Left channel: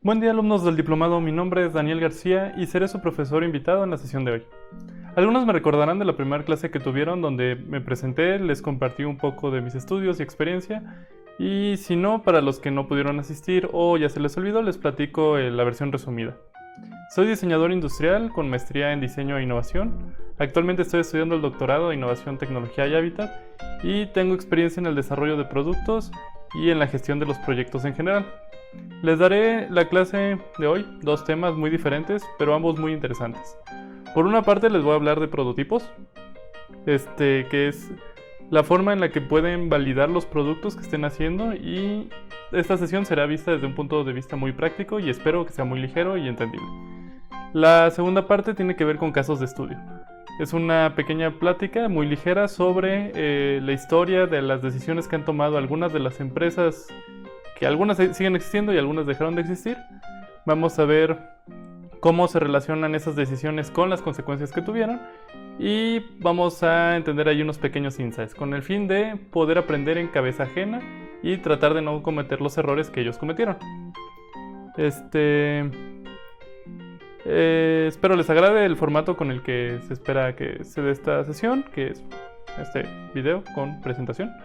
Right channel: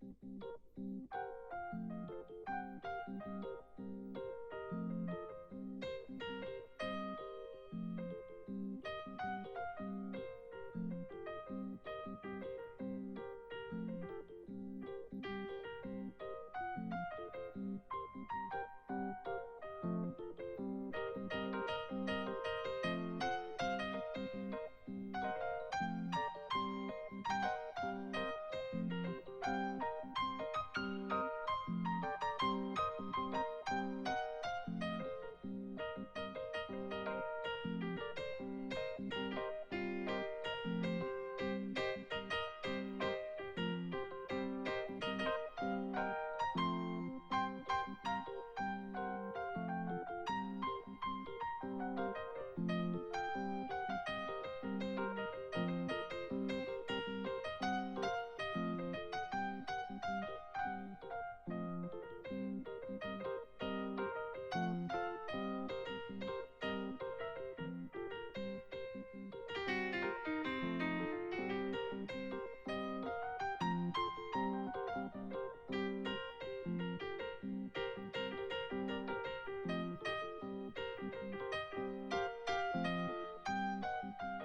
Buen día, alumnos del diplomado. Mi nombre es Daniel García y seré su profesor invitado en la sesión de hoy. Algunos me recordarán de la primera clase que tuvieron donde me presenté, les compartí un poco de mis estudios y experiencia, y si no, para los que no pudieron asistir o ya se les olvidó, les platico la versión resumida. Soy diseñador industrial con maestría en diseño e innovación. Actualmente estoy estudiando el doctorado de Innovación, Tecnología y Hábitat y tengo experiencia en el desarrollo de productos y en la gestión de los proyectos en general. Les daré la clase de hoy, dos temas muy diferentes, pero ambos muy interesantes. Por una parte les voy a hablar de prototipos, que es la forma en la que pueden validar los productos que estén haciendo, y esta sesión será vista desde un punto de vista muy práctico y espero que sea muy ligero y entendible. La segunda parte tiene que ver con casos de estudio. Es una pequeña plática muy ligera sobre la historia de las decisiones que han tomado algunas de las empresas, que algunas siguen existiendo y algunas dejaron de existir. Vamos a ver cómo se relacionan esas decisiones con las consecuencias que tuvieron y vamos a entender ahí unos pequeños insights con el fin de poder aprender en cabeza ajena y tratar de no cometer los errores que ellos cometieron. Espero les agrade el formato con el que se espera que se dé esta sesión, que es este video con presentación.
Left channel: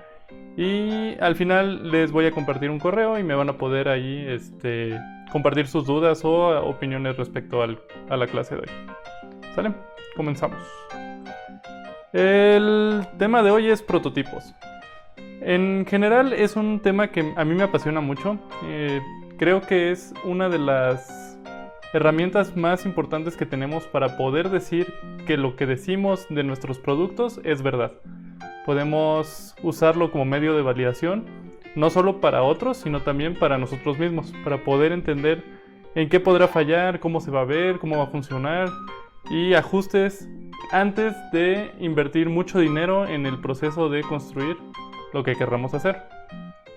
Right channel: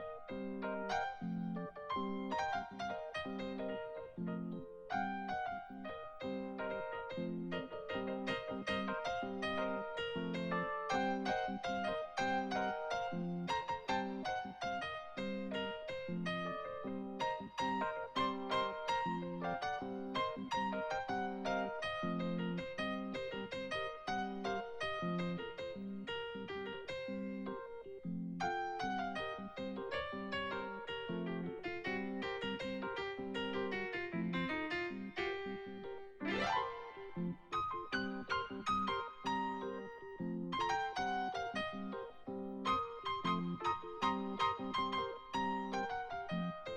Y al final les voy a compartir un correo y me van a poder ahí compartir sus dudas o opiniones respecto a la clase de hoy. ¿Sale? Comenzamos. El tema de hoy es prototipos. En general es un tema que a mí me apasiona mucho. Creo que es una de las herramientas más importantes que tenemos para poder decir que lo que decimos de nuestros productos es verdad. Podemos usarlo como medio de validación, no solo para otros, sino también para nosotros mismos, para poder entender en qué podrá fallar, cómo se va a ver, cómo va a funcionar, y ajustes antes de invertir mucho dinero en el proceso de construir lo que querramos hacer.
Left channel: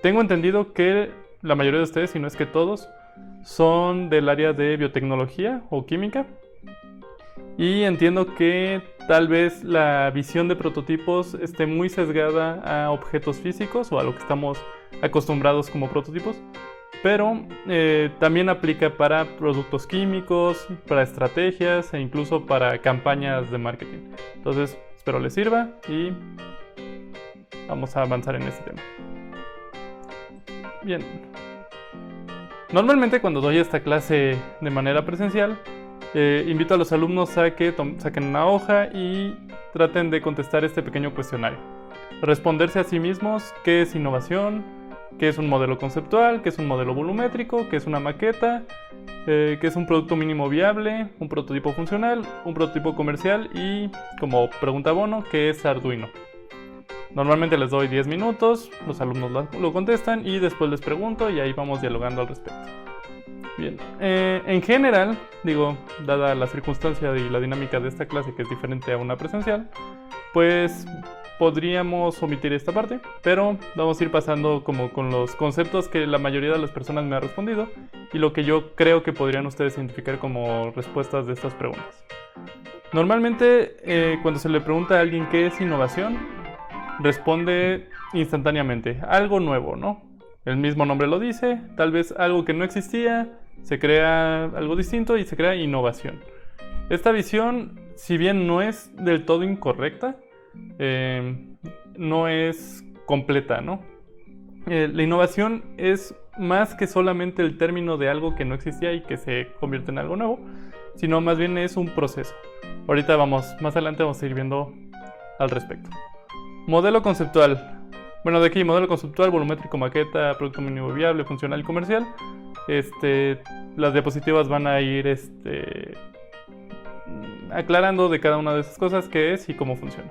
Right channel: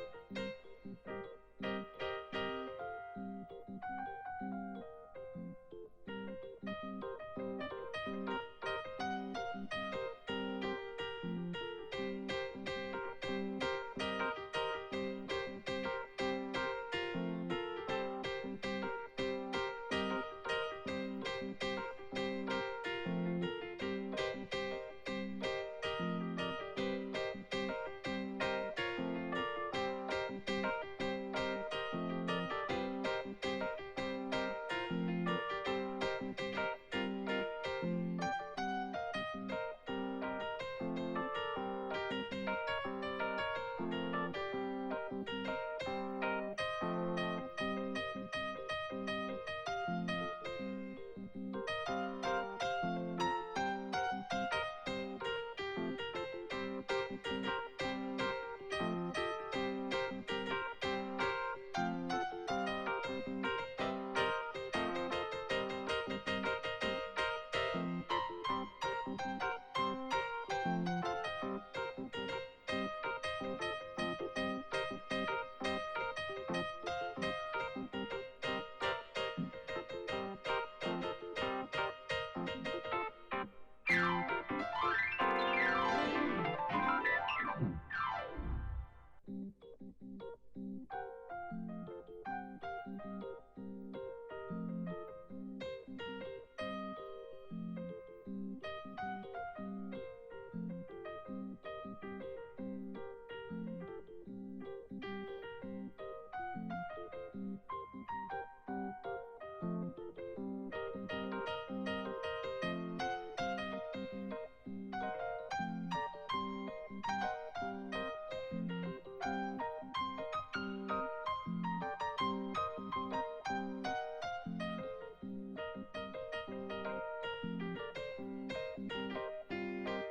Tengo entendido que la mayoría de ustedes, si no es que todos, son del área de biotecnología o química. Y entiendo que tal vez la visión de prototipos esté muy sesgada a objetos físicos o a lo que estamos acostumbrados como prototipos, pero también aplica para productos químicos, para estrategias e incluso para campañas de marketing. Entonces, espero les sirva y vamos a avanzar en este tema. Bien. Normalmente cuando doy esta clase de manera presencial, invito a los alumnos a que saquen una hoja y traten de contestar este pequeño cuestionario. Responderse a sí mismos qué es innovación, qué es un modelo conceptual, qué es un modelo volumétrico, qué es una maqueta, qué es un producto mínimo viable, un prototipo funcional, un prototipo comercial y, como pregunta bono, qué es Arduino. Normalmente les doy 10 minutos, los alumnos lo contestan y después les pregunto y ahí vamos dialogando al respecto. Bien, en general, dada la circunstancia y la dinámica de esta clase que es diferente a una presencial, pues podríamos omitir esta parte, pero vamos a ir pasando como con los conceptos que la mayoría de las personas me ha respondido y lo que yo creo que podrían ustedes identificar como respuestas de estas preguntas. Normalmente, cuando se le pregunta a alguien qué es innovación, responde instantáneamente, algo nuevo, ¿no? El mismo nombre lo dice, tal vez algo que no existía, se crea algo distinto y se crea innovación. Esta visión, si bien no es del todo incorrecta, no es completa, ¿no? La innovación es más que solamente el término de algo que no existía y que se convierte en algo nuevo, sino más bien es un proceso. Ahorita más adelante vamos a ir viendo al respecto. Modelo conceptual. Bueno, de aquí, modelo conceptual, volumétrico, maqueta, producto mínimo viable, funcional y comercial. Las diapositivas van a ir aclarando de cada una de esas cosas qué es y cómo funciona.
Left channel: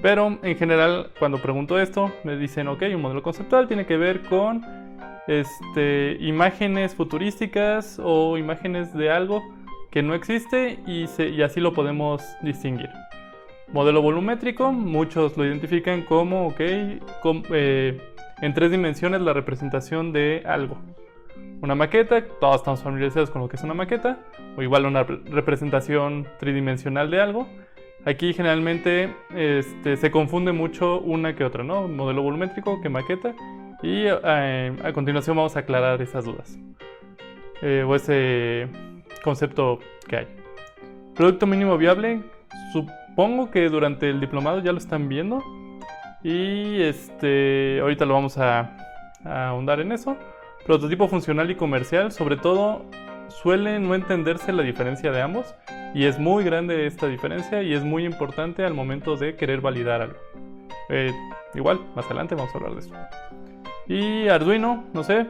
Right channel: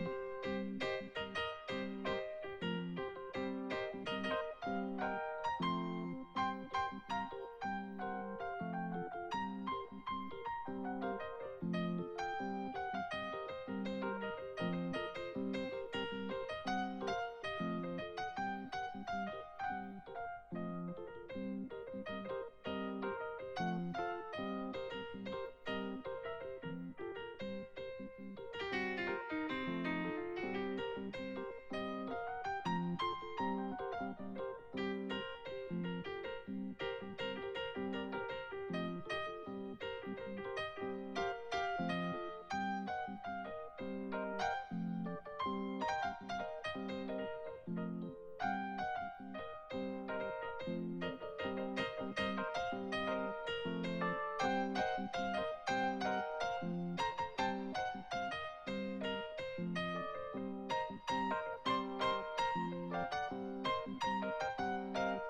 Pero en general, cuando pregunto esto, me dicen, ok, un modelo conceptual tiene que ver con imágenes futurísticas o imágenes de algo que no existe y así lo podemos distinguir. Modelo volumétrico, muchos lo identifican como, en 3 dimensiones la representación de algo. Una maqueta, todos estamos familiarizados con lo que es una maqueta, o igual una representación tridimensional de algo. Aquí generalmente se confunde mucho una que otra, ¿no? Modelo volumétrico que maqueta, y a continuación vamos a aclarar esas dudas. o ese concepto que hay. Producto mínimo viable, supongo que durante el diplomado ya lo están viendo y ahorita lo vamos a ahondar en eso. Prototipo funcional y comercial, sobre todo suele no entenderse la diferencia de ambos y es muy grande esta diferencia y es muy importante al momento de querer validar algo. Igual, más adelante vamos a hablar de eso. Y Arduino, no sé,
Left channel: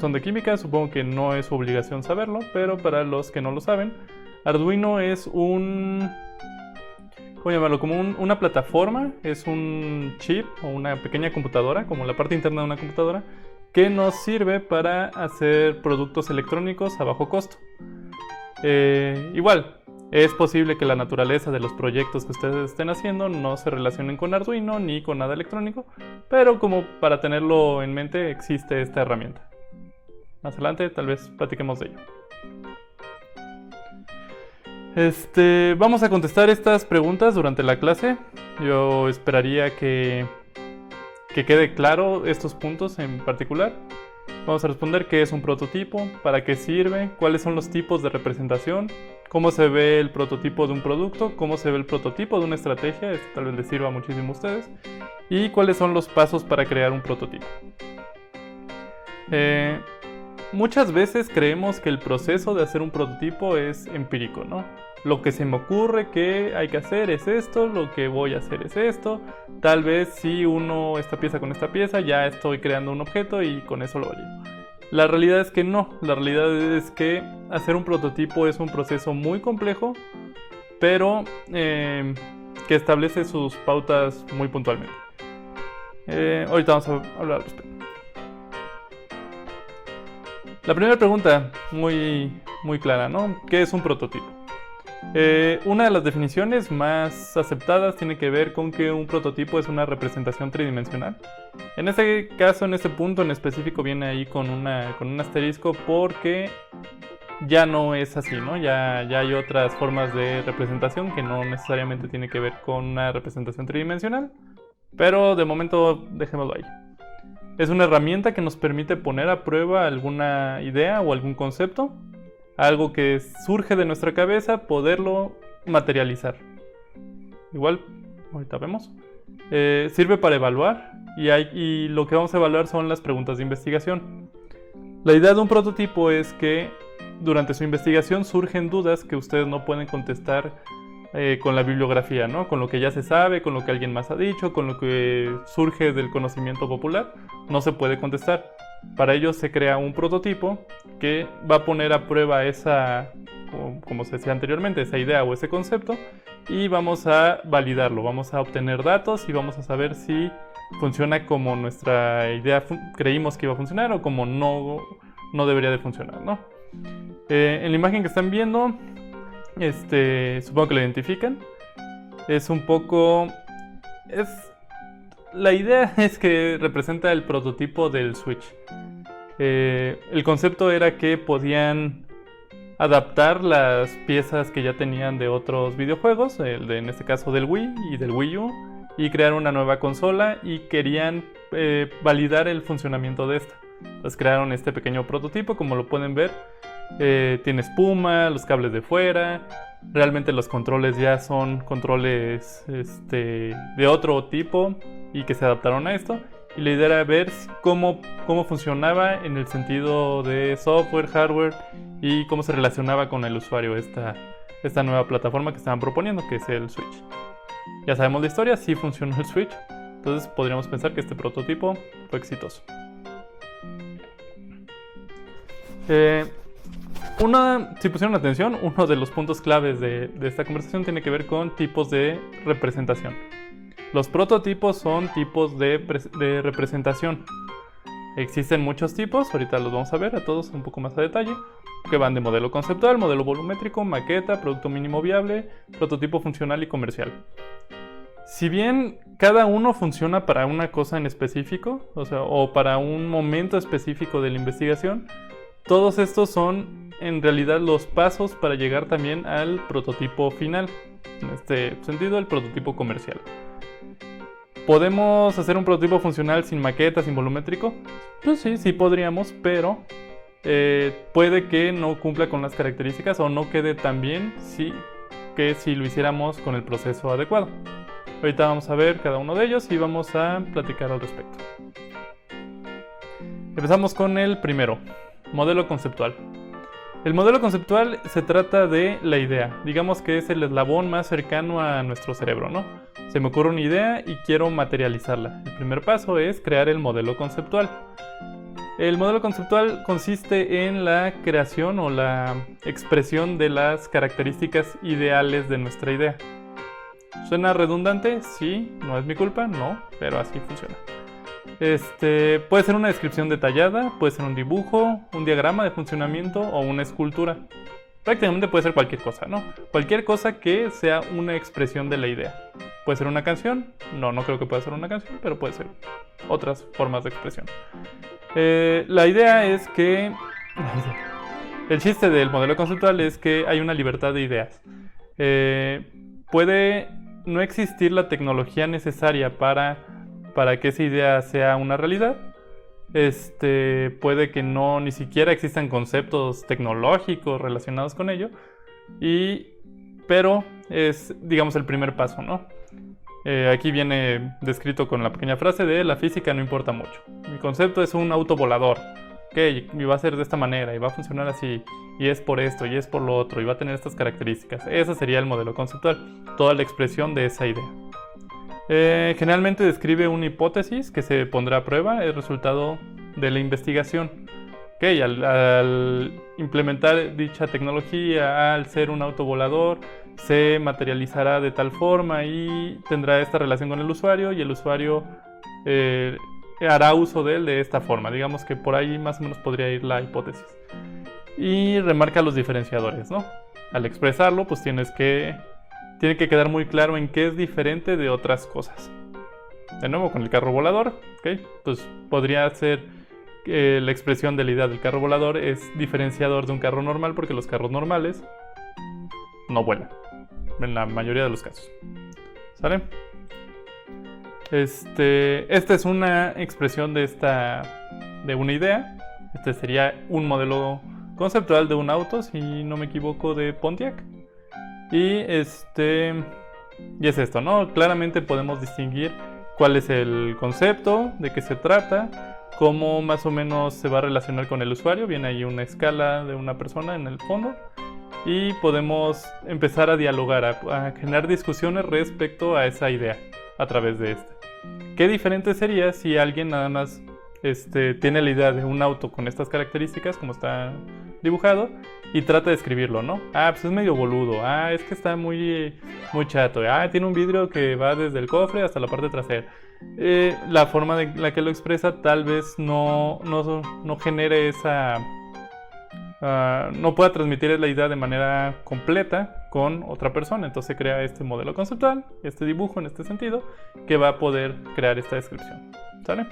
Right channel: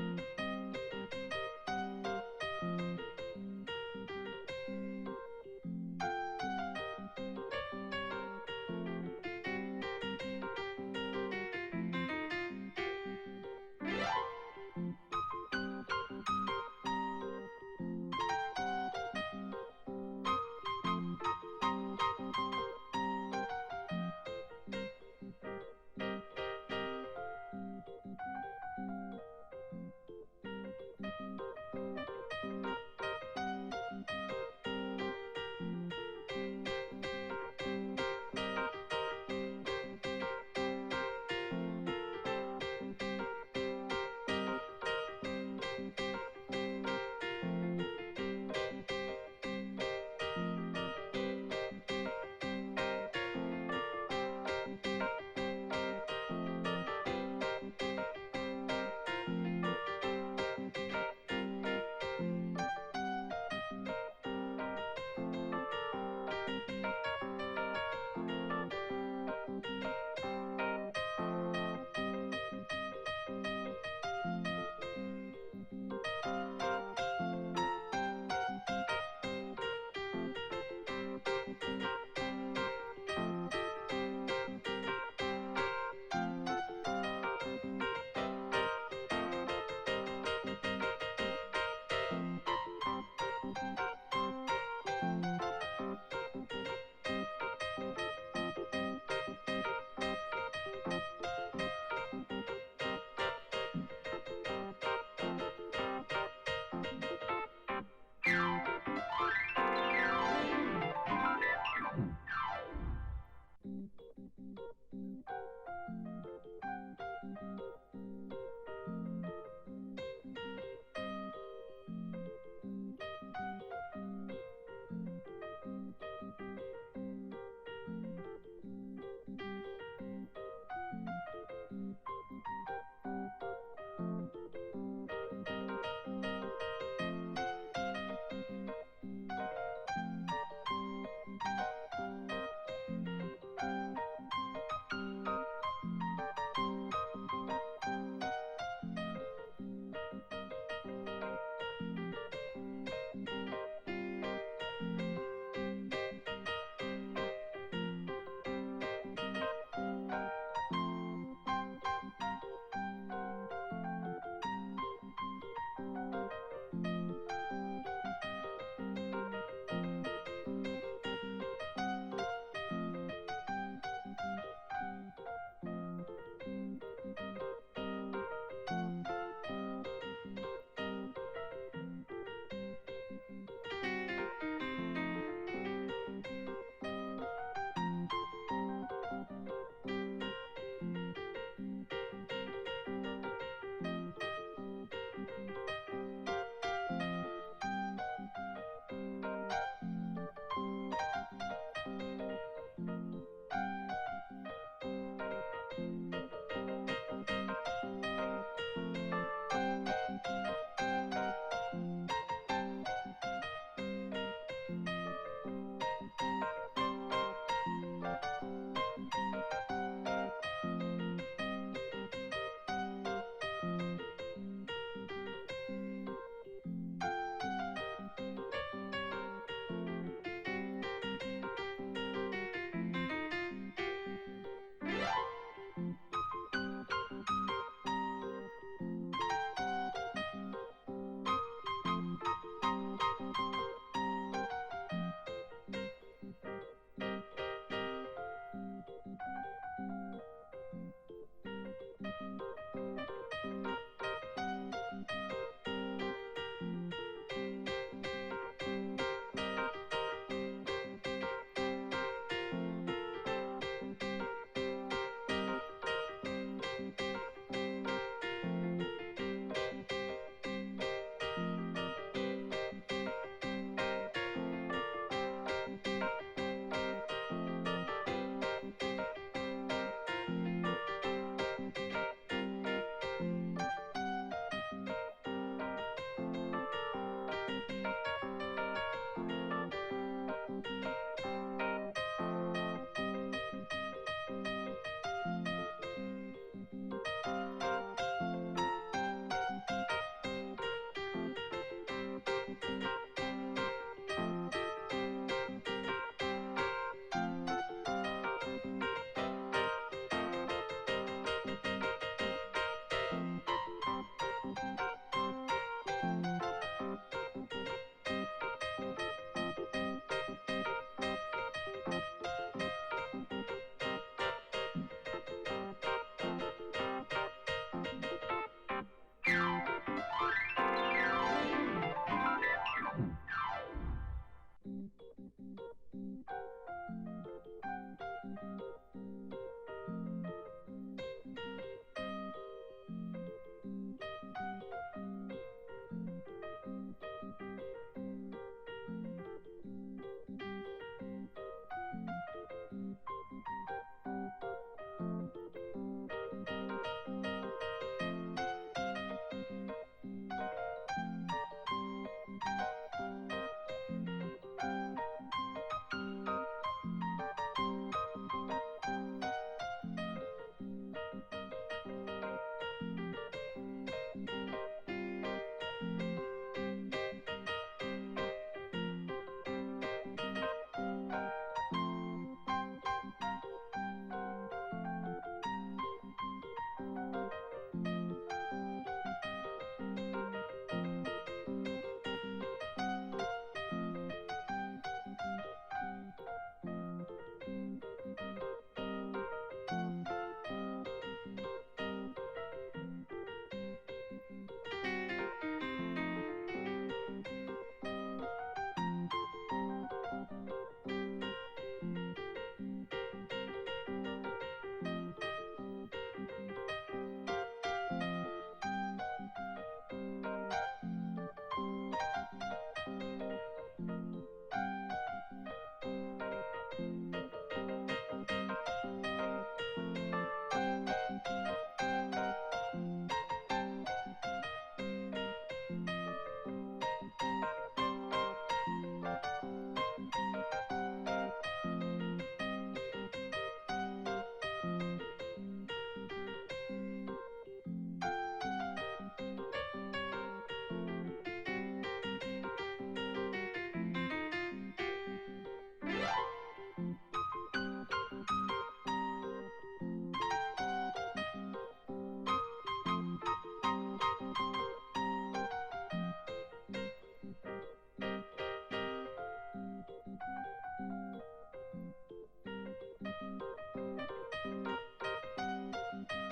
son de química, supongo que no es su obligación saberlo, pero para los que no lo saben, Arduino es ¿cómo llamarlo? Como una plataforma, es un chip o una pequeña computadora, como la parte interna de una computadora, que nos sirve para hacer productos electrónicos a bajo costo. Igual, es posible que la naturaleza de los proyectos que ustedes estén haciendo no se relacionen con Arduino ni con nada electrónico, pero como para tenerlo en mente existe esta herramienta. Más adelante tal vez platiquemos de ello. Vamos a contestar estas preguntas durante la clase. Yo esperaría que quede claro estos puntos en particular. Vamos a responder qué es un prototipo, para qué sirve, cuáles son los tipos de representación, cómo se ve el prototipo de un producto, cómo se ve el prototipo de una estrategia, esto tal vez les sirva muchísimo a ustedes, y cuáles son los pasos para crear un prototipo. Muchas veces creemos que el proceso de hacer un prototipo es empírico, ¿no? Lo que se me ocurre que hay que hacer es esto, lo que voy a hacer es esto. Tal vez si uno esta pieza con esta pieza, ya estoy creando un objeto y con eso lo valido. La realidad es que no, la realidad es que hacer un prototipo es un proceso muy complejo, pero que establece sus pautas muy puntualmente. Ahorita vamos a hablar al respecto. La primera pregunta, muy clara, ¿no? ¿Qué es un prototipo? Una de las definiciones más aceptadas tiene que ver con que un prototipo es una representación tridimensional. En este caso, en este punto en específico, viene ahí con un asterisco porque ya no es así, ¿no? Ya hay otras formas de representación que no necesariamente tiene que ver con una representación tridimensional, pero de momento dejémoslo ahí. Es una herramienta que nos permite poner a prueba alguna idea o algún concepto, algo que surge de nuestra cabeza, poderlo materializar. Igual, ahorita vemos. Sirve para evaluar y lo que vamos a evaluar son las preguntas de investigación. La idea de un prototipo es que durante su investigación surgen dudas que ustedes no pueden contestar con la bibliografía, ¿no? Con lo que ya se sabe, con lo que alguien más ha dicho, con lo que surge del conocimiento popular, no se puede contestar. Para ello se crea un prototipo que va a poner a prueba esa, como se decía anteriormente, esa idea o ese concepto, y vamos a validarlo, vamos a obtener datos y vamos a saber si funciona como nuestra idea creímos que iba a funcionar o como no debería de funcionar, ¿no? En la imagen que están viendo, supongo que lo identifican. Es un poco... La idea es que representa el prototipo del Switch. El concepto era que podían adaptar las piezas que ya tenían de otros videojuegos, en este caso del Wii y del Wii U, y crear una nueva consola y querían validar el funcionamiento de esta. Entonces crearon este pequeño prototipo, como lo pueden ver. Tiene espuma, los cables de fuera. Realmente los controles ya son controles de otro tipo y que se adaptaron a esto. Y la idea era ver cómo funcionaba en el sentido de software, hardware y cómo se relacionaba con el usuario esta nueva plataforma que estaban proponiendo, que es el Switch. Ya sabemos la historia, sí funcionó el Switch, entonces podríamos pensar que este prototipo fue exitoso. Si pusieron atención, uno de los puntos claves de esta conversación tiene que ver con tipos de representación. Los prototipos son tipos de representación. Existen muchos tipos, ahorita los vamos a ver a todos un poco más a detalle, que van de modelo conceptual, modelo volumétrico, maqueta, producto mínimo viable, prototipo funcional y comercial. Si bien cada uno funciona para una cosa en específico, o para un momento específico de la investigación, todos estos son en realidad los pasos para llegar también al prototipo final, en este sentido el prototipo comercial. ¿Podemos hacer un prototipo funcional sin maqueta, sin volumétrico? Pues sí podríamos, pero puede que no cumpla con las características o no quede tan bien que si lo hiciéramos con el proceso adecuado. Ahorita vamos a ver cada uno de ellos y vamos a platicar al respecto. Empezamos con el primero, modelo conceptual. El modelo conceptual se trata de la idea, digamos que es el eslabón más cercano a nuestro cerebro, ¿no? Se me ocurre una idea y quiero materializarla. El primer paso es crear el modelo conceptual. El modelo conceptual consiste en la creación o la expresión de las características ideales de nuestra idea. ¿Suena redundante? Sí, no es mi culpa, no, pero así funciona. Puede ser una descripción detallada, puede ser un dibujo, un diagrama de funcionamiento o una escultura. Prácticamente puede ser cualquier cosa, ¿no? Cualquier cosa que sea una expresión de la idea. Puede ser una canción, no creo que pueda ser una canción, pero puede ser otras formas de expresión. La idea es que... El chiste del modelo conceptual es que hay una libertad de ideas. Puede no existir la tecnología necesaria para que esa idea sea una realidad. Puede que no ni siquiera existan conceptos tecnológicos relacionados con ello. Pero es, digamos, el primer paso, ¿no? Aquí viene descrito con la pequeña frase de la física no importa mucho. Mi concepto es un auto volador. Ok, y va a ser de esta manera, y va a funcionar así, y es por esto, y es por lo otro, y va a tener estas características. Ese sería el modelo conceptual, toda la expresión de esa idea. Generalmente describe una hipótesis que se pondrá a prueba, el resultado de la investigación. Okay, al implementar dicha tecnología, al ser un auto volador, se materializará de tal forma y tendrá esta relación con el usuario, y el usuario hará uso de él de esta forma. Digamos que por ahí más o menos podría ir la hipótesis. Y remarca los diferenciadores, ¿no? Al expresarlo, pues tiene que quedar muy claro en qué es diferente de otras cosas. De nuevo, con el carro volador, ¿okay? Pues podría ser la expresión de la idea del carro volador es diferenciador de un carro normal, porque los carros normales no vuelan, en la mayoría de los casos. ¿Sale? Esta es una expresión de una idea. Este sería un modelo conceptual de un auto, si no me equivoco, de Pontiac. Y es esto, ¿no? Claramente podemos distinguir cuál es el concepto, de qué se trata, cómo más o menos se va a relacionar con el usuario. Viene ahí una escala de una persona en el fondo. Y podemos empezar a dialogar, a generar discusiones respecto a esa idea a través de este. ¿Qué diferente sería si alguien nada más tiene la idea de un auto con estas características, como está dibujado, y trata de escribirlo, ¿no? Pues es medio boludo. Es que está muy chato. Tiene un vidrio que va desde el cofre hasta la parte trasera. La forma de la que lo expresa tal vez no genere esa... no pueda transmitir la idea de manera completa con otra persona. Entonces se crea este modelo conceptual, este dibujo en este sentido, que va a poder crear esta descripción. ¿Sale?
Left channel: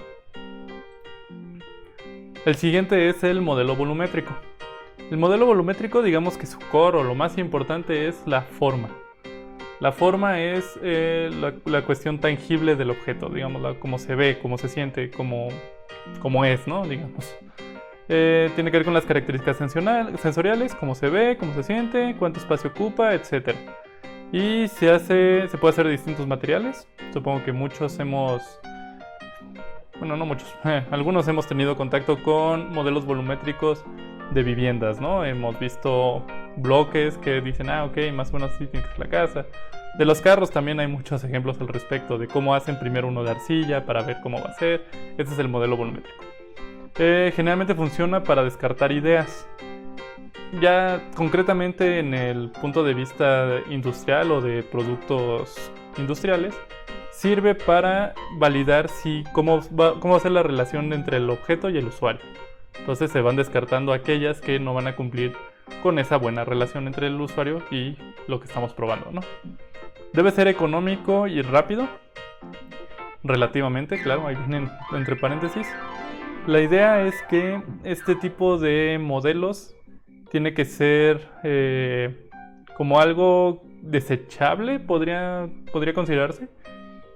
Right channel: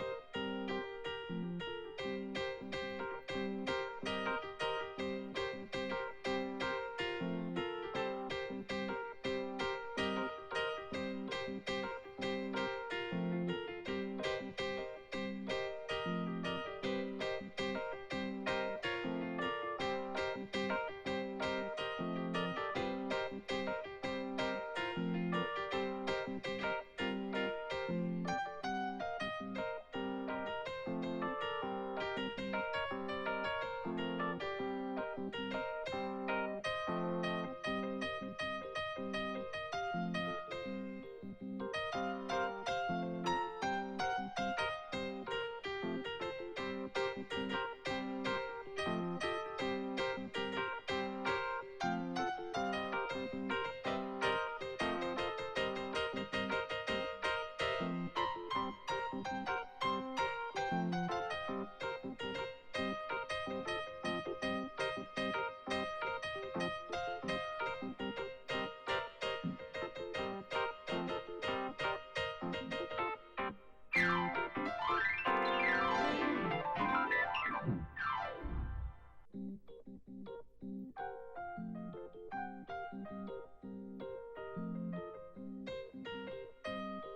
El siguiente es el modelo volumétrico. El modelo volumétrico, digamos que su core o lo más importante es la forma. La forma es la cuestión tangible del objeto, digamos, cómo se ve, cómo se siente, cómo es, ¿no? Digamos. Tiene que ver con las características sensoriales, cómo se ve, cómo se siente, cuánto espacio ocupa, etc. Y se puede hacer de distintos materiales. Supongo que algunos hemos tenido contacto con modelos volumétricos de viviendas, ¿no? Hemos visto bloques que dicen, ok, más o menos así tiene que ser la casa. De los carros también hay muchos ejemplos al respecto de cómo hacen primero uno de arcilla para ver cómo va a ser. Este es el modelo volumétrico. Generalmente funciona para descartar ideas. Ya concretamente en el punto de vista industrial o de productos industriales, sirve para validar cómo va a ser la relación entre el objeto y el usuario. Entonces se van descartando aquellas que no van a cumplir con esa buena relación entre el usuario y lo que estamos probando, ¿no? Debe ser económico y rápido, relativamente, claro, ahí vienen entre paréntesis. La idea es que este tipo de modelos tiene que ser como algo desechable, podría considerarse,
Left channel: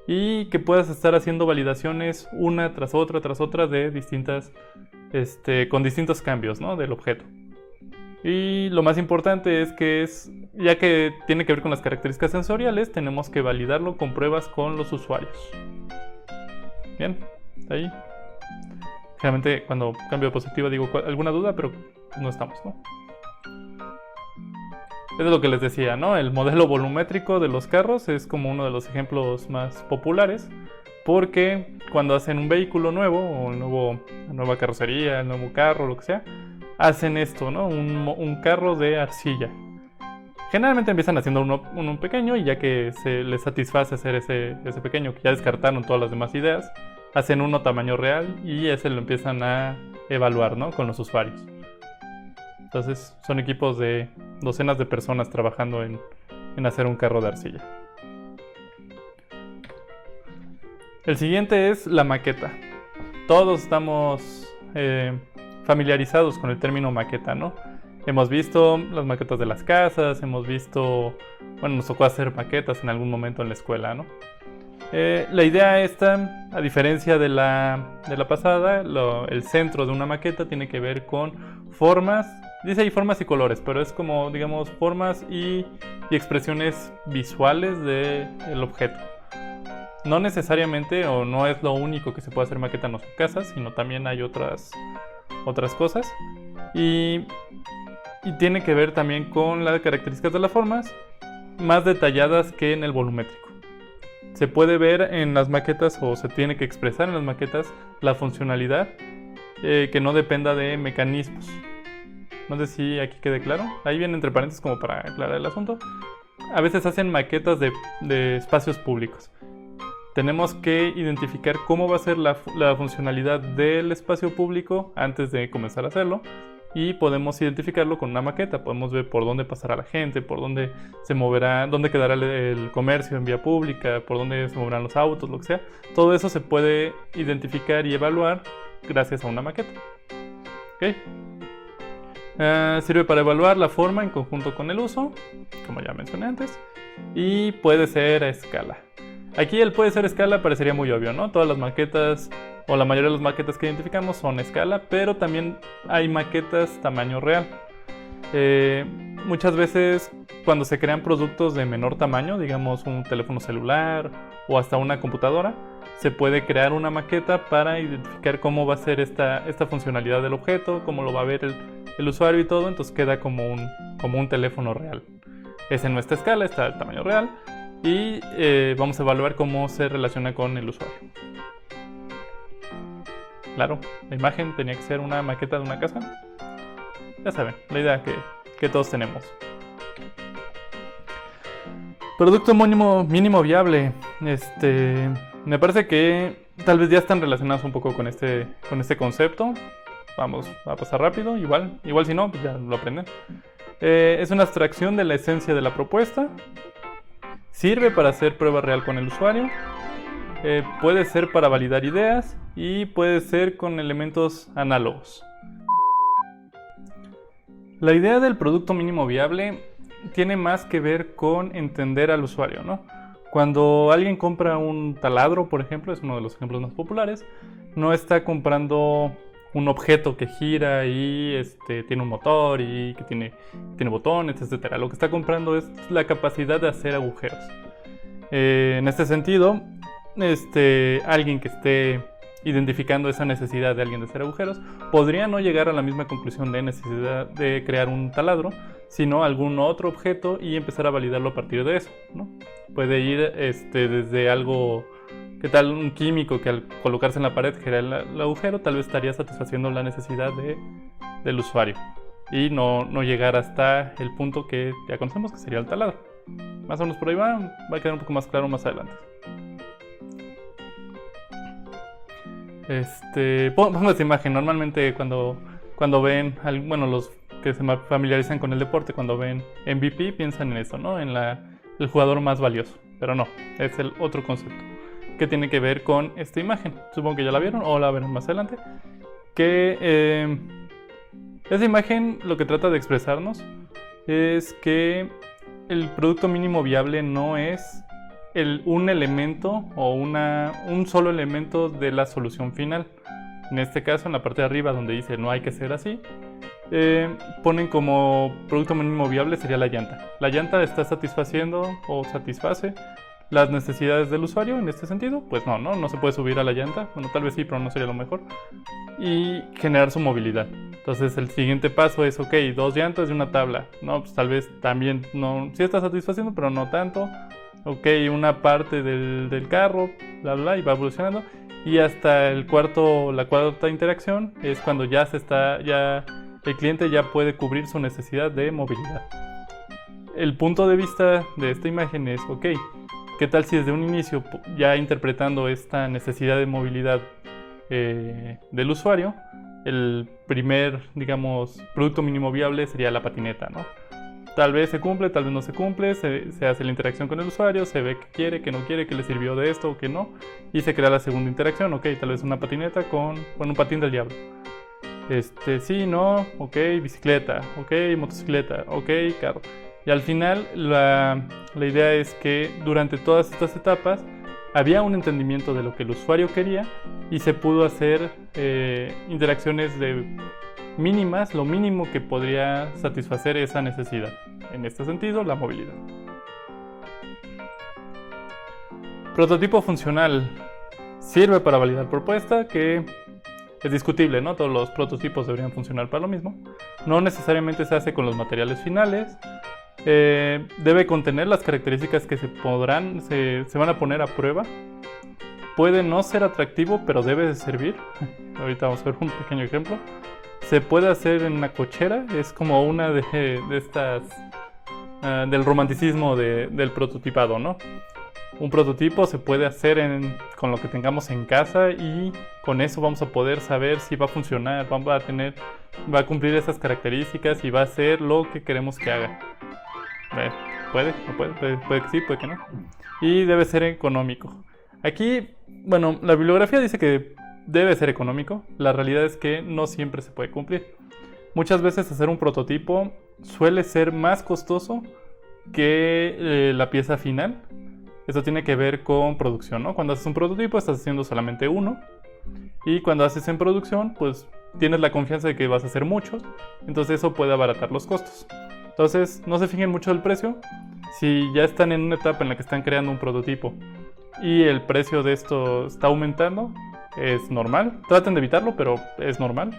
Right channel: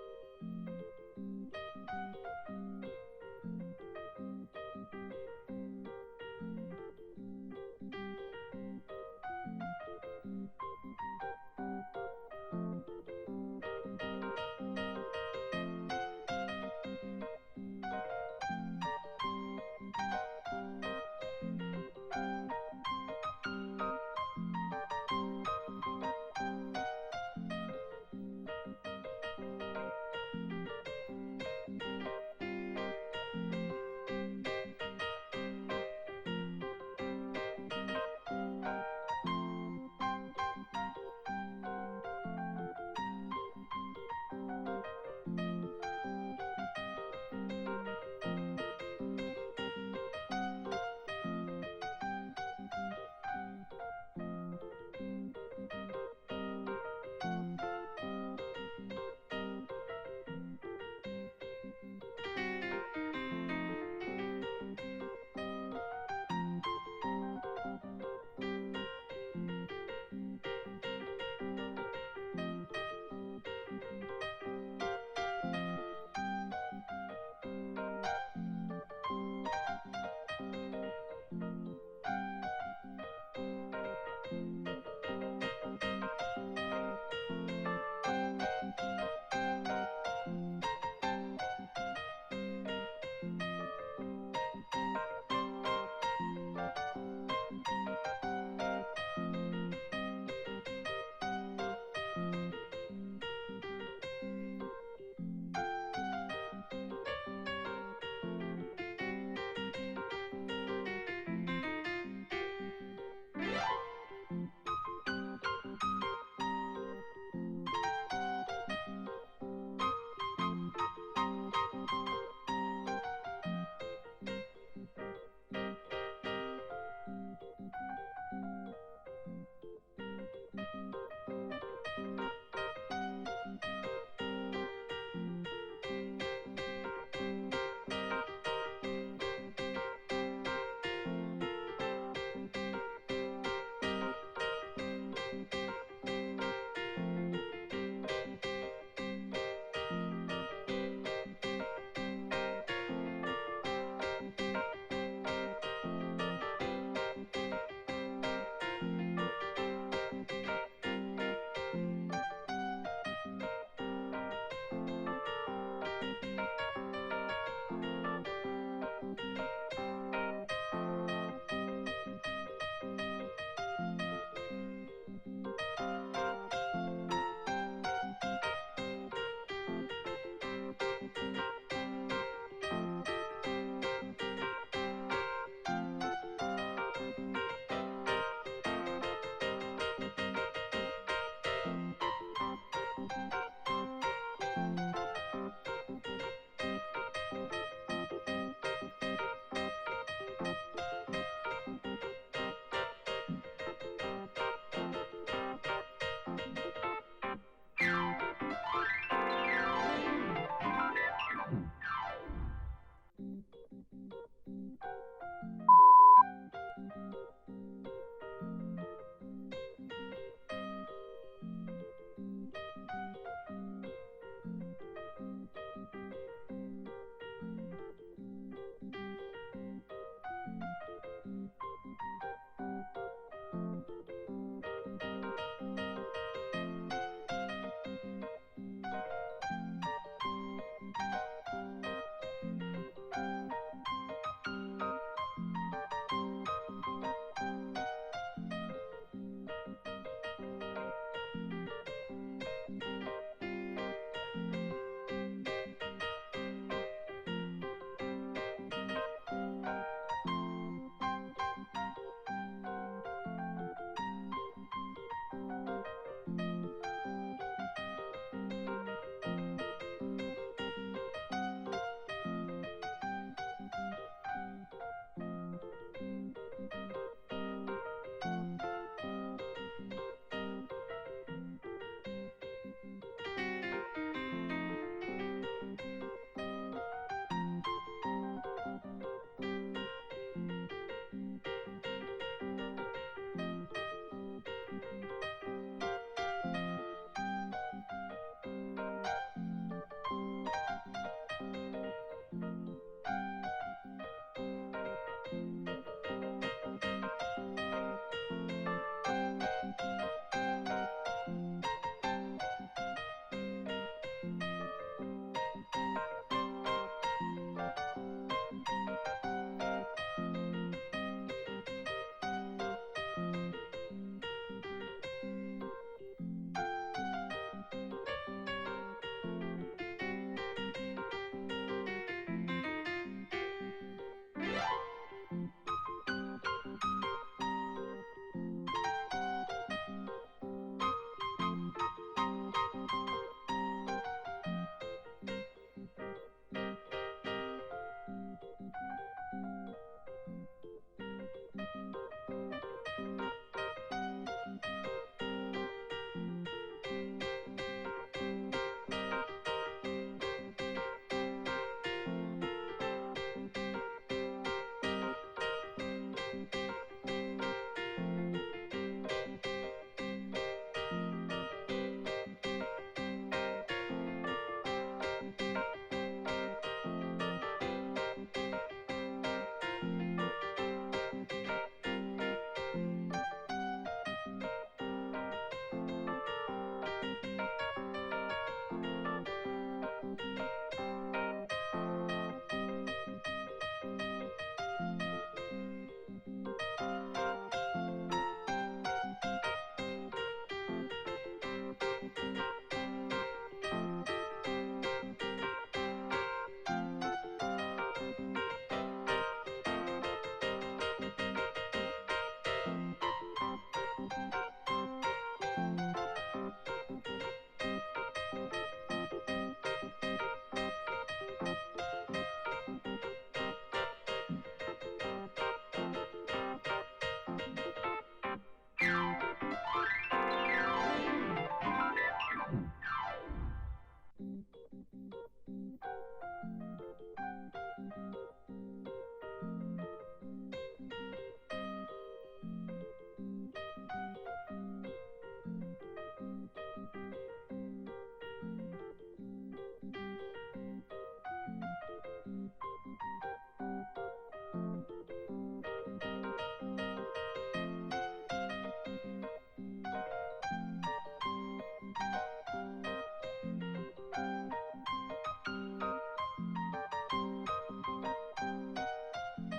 y que puedas estar haciendo validaciones una tras otra de distintas con distintos cambios, ¿no?, del objeto. Y lo más importante es que ya que tiene que ver con las características sensoriales, tenemos que validarlo con pruebas con los usuarios. Bien, ahí. Generalmente cuando cambio de diapositiva digo alguna duda, pero no estamos, ¿no? Es lo que les decía, ¿no? El modelo volumétrico de los carros es como uno de los ejemplos más populares, porque cuando hacen un vehículo nuevo, o una nueva carrocería, el nuevo carro, lo que sea, hacen esto, ¿no? Un carro de arcilla. Generalmente empiezan haciendo uno pequeño, y ya que se les satisface hacer ese pequeño, que ya descartaron todas las demás ideas, hacen uno tamaño real y ese lo empiezan a evaluar, ¿no?, con los usuarios. Entonces son equipos de docenas de personas trabajando en hacer un carro de arcilla. El siguiente es la maqueta. Todos estamos familiarizados con el término maqueta, ¿no? Hemos visto las maquetas de las casas, nos tocó hacer maquetas en algún momento en la escuela, ¿no? La idea esta, a diferencia de la pasada, el centro de una maqueta tiene que ver con formas, dice ahí formas y colores, pero es como, digamos, formas y expresiones visuales del objeto. No necesariamente, o no es lo único que se puede hacer maqueta en las casas, sino también hay otras cosas. Y tiene que ver también con las características de las formas más detalladas que en el volumétrico. Se puede ver en las maquetas, o se tiene que expresar en las maquetas, la funcionalidad que no dependa de mecanismos. No sé si aquí quede claro. Ahí viene entre paréntesis como para aclarar el asunto. A veces hacen maquetas de espacios públicos. Tenemos que identificar cómo va a ser la funcionalidad del espacio público antes de comenzar a hacerlo. Y podemos identificarlo con una maqueta. Podemos ver por dónde pasará la gente, por dónde se moverá, dónde quedará el comercio en vía pública, por dónde se moverán los autos, lo que sea. Todo eso se puede identificar y evaluar gracias a una maqueta. ¿Okay? Sirve para evaluar la forma en conjunto con el uso, como ya mencioné antes, y puede ser a escala. Aquí el puede ser a escala parecería muy obvio, ¿no? Todas las maquetas, o la mayoría de las maquetas que identificamos son a escala, pero también hay maquetas tamaño real. Muchas veces cuando se crean productos de menor tamaño, digamos un teléfono celular o hasta una computadora, se puede crear una maqueta para identificar cómo va a ser esta funcionalidad del objeto, cómo lo va a ver el usuario y todo. Entonces queda como un teléfono real. Es en nuestra escala, está el tamaño real, y vamos a evaluar cómo se relaciona con el usuario. Claro, la imagen tenía que ser una maqueta de una casa. Ya saben, la idea que todos tenemos. Producto mínimo viable. Me parece que tal vez ya están relacionados un poco con este concepto. Vamos a pasar rápido, igual si no, pues ya lo aprenden. Es una abstracción de la esencia de la propuesta. Sirve para hacer prueba real con el usuario. Puede ser para validar ideas y puede ser con elementos análogos. La idea del producto mínimo viable tiene más que ver con entender al usuario, ¿no? Cuando alguien compra un taladro, por ejemplo, es uno de los ejemplos más populares, no está comprando un objeto que gira y tiene un motor y que tiene botones, etc. Lo que está comprando es la capacidad de hacer agujeros. En este sentido, alguien que esté identificando esa necesidad de alguien de hacer agujeros podría no llegar a la misma conclusión de necesidad de crear un taladro, sino algún otro objeto y empezar a validarlo a partir de eso, ¿no? Puede ir desde algo, ¿qué tal un químico que al colocarse en la pared genera el agujero? Tal vez estaría satisfaciendo la necesidad del usuario y no llegar hasta el punto que ya conocemos, que sería el taladro. Más o menos por ahí va a quedar un poco más claro más adelante. Pongo esta imagen. Normalmente cuando ven, los que se familiarizan con el deporte, cuando ven MVP piensan en eso, ¿no? En el jugador más valioso. Pero no, es el otro concepto que tiene que ver con esta imagen. Supongo que ya la vieron o la verán más adelante. Que esa imagen lo que trata de expresarnos es que el producto mínimo viable no es un elemento o un solo elemento de la solución final. en este caso en la parte de arriba donde dice no hay que ser así, ponen como producto mínimo viable sería la llanta. La llanta está satisfaciendo o satisface las necesidades del usuario en este sentido. Pues no se puede subir a la llanta, bueno, tal vez sí, pero no sería lo mejor, y generar su movilidad. Entonces el siguiente paso es, ok, 2 llantas y una tabla. No, pues tal vez también no, sí está satisfaciendo, pero no tanto. Ok, una parte del carro, bla, bla, y va evolucionando. Y hasta la cuarta interacción es cuando ya el cliente ya puede cubrir su necesidad de movilidad. El punto de vista de esta imagen es, ok, ¿qué tal si desde un inicio, ya interpretando esta necesidad de movilidad del usuario, el primer, digamos, producto mínimo viable sería la patineta, ¿no? Tal vez se cumple, tal vez no se cumple, se hace la interacción con el usuario, se ve que quiere, que no quiere, que le sirvió de esto o que no, y se crea la segunda interacción. Ok, tal vez una patineta con un patín del diablo. Sí, no, ok, bicicleta, ok, motocicleta, ok, carro. Y al final la idea es que durante todas estas etapas había un entendimiento de lo que el usuario quería y se pudo hacer interacciones mínimas, lo mínimo que podría satisfacer esa necesidad. En este sentido, la movilidad. Prototipo funcional. Sirve para validar propuesta, que es discutible, ¿no? Todos los prototipos deberían funcionar para lo mismo. No necesariamente se hace con los materiales finales. Debe contener las características que se van a poner a prueba. Puede no ser atractivo, pero debe de servir. Ahorita vamos a ver un pequeño ejemplo. Se puede hacer en una cochera, es como una de estas del romanticismo del prototipado, ¿no? Un prototipo se puede hacer con lo que tengamos en casa y con eso vamos a poder saber si va a funcionar, va a cumplir esas características y va a hacer lo que queremos que haga. Puede que sí, puede que no. Y debe ser económico. Aquí, bueno, la bibliografía dice que debe ser económico. La realidad es que no siempre se puede cumplir. Muchas veces hacer un prototipo suele ser más costoso que la pieza final. Esto tiene que ver con producción, ¿no? Cuando haces un prototipo estás haciendo solamente uno. Y cuando haces en producción, pues tienes la confianza de que vas a hacer muchos. Entonces eso puede abaratar los costos. Entonces no se fijen mucho del precio. Si ya están en una etapa en la que están creando un prototipo y el precio de esto está aumentando, es normal. Traten de evitarlo, pero es normal.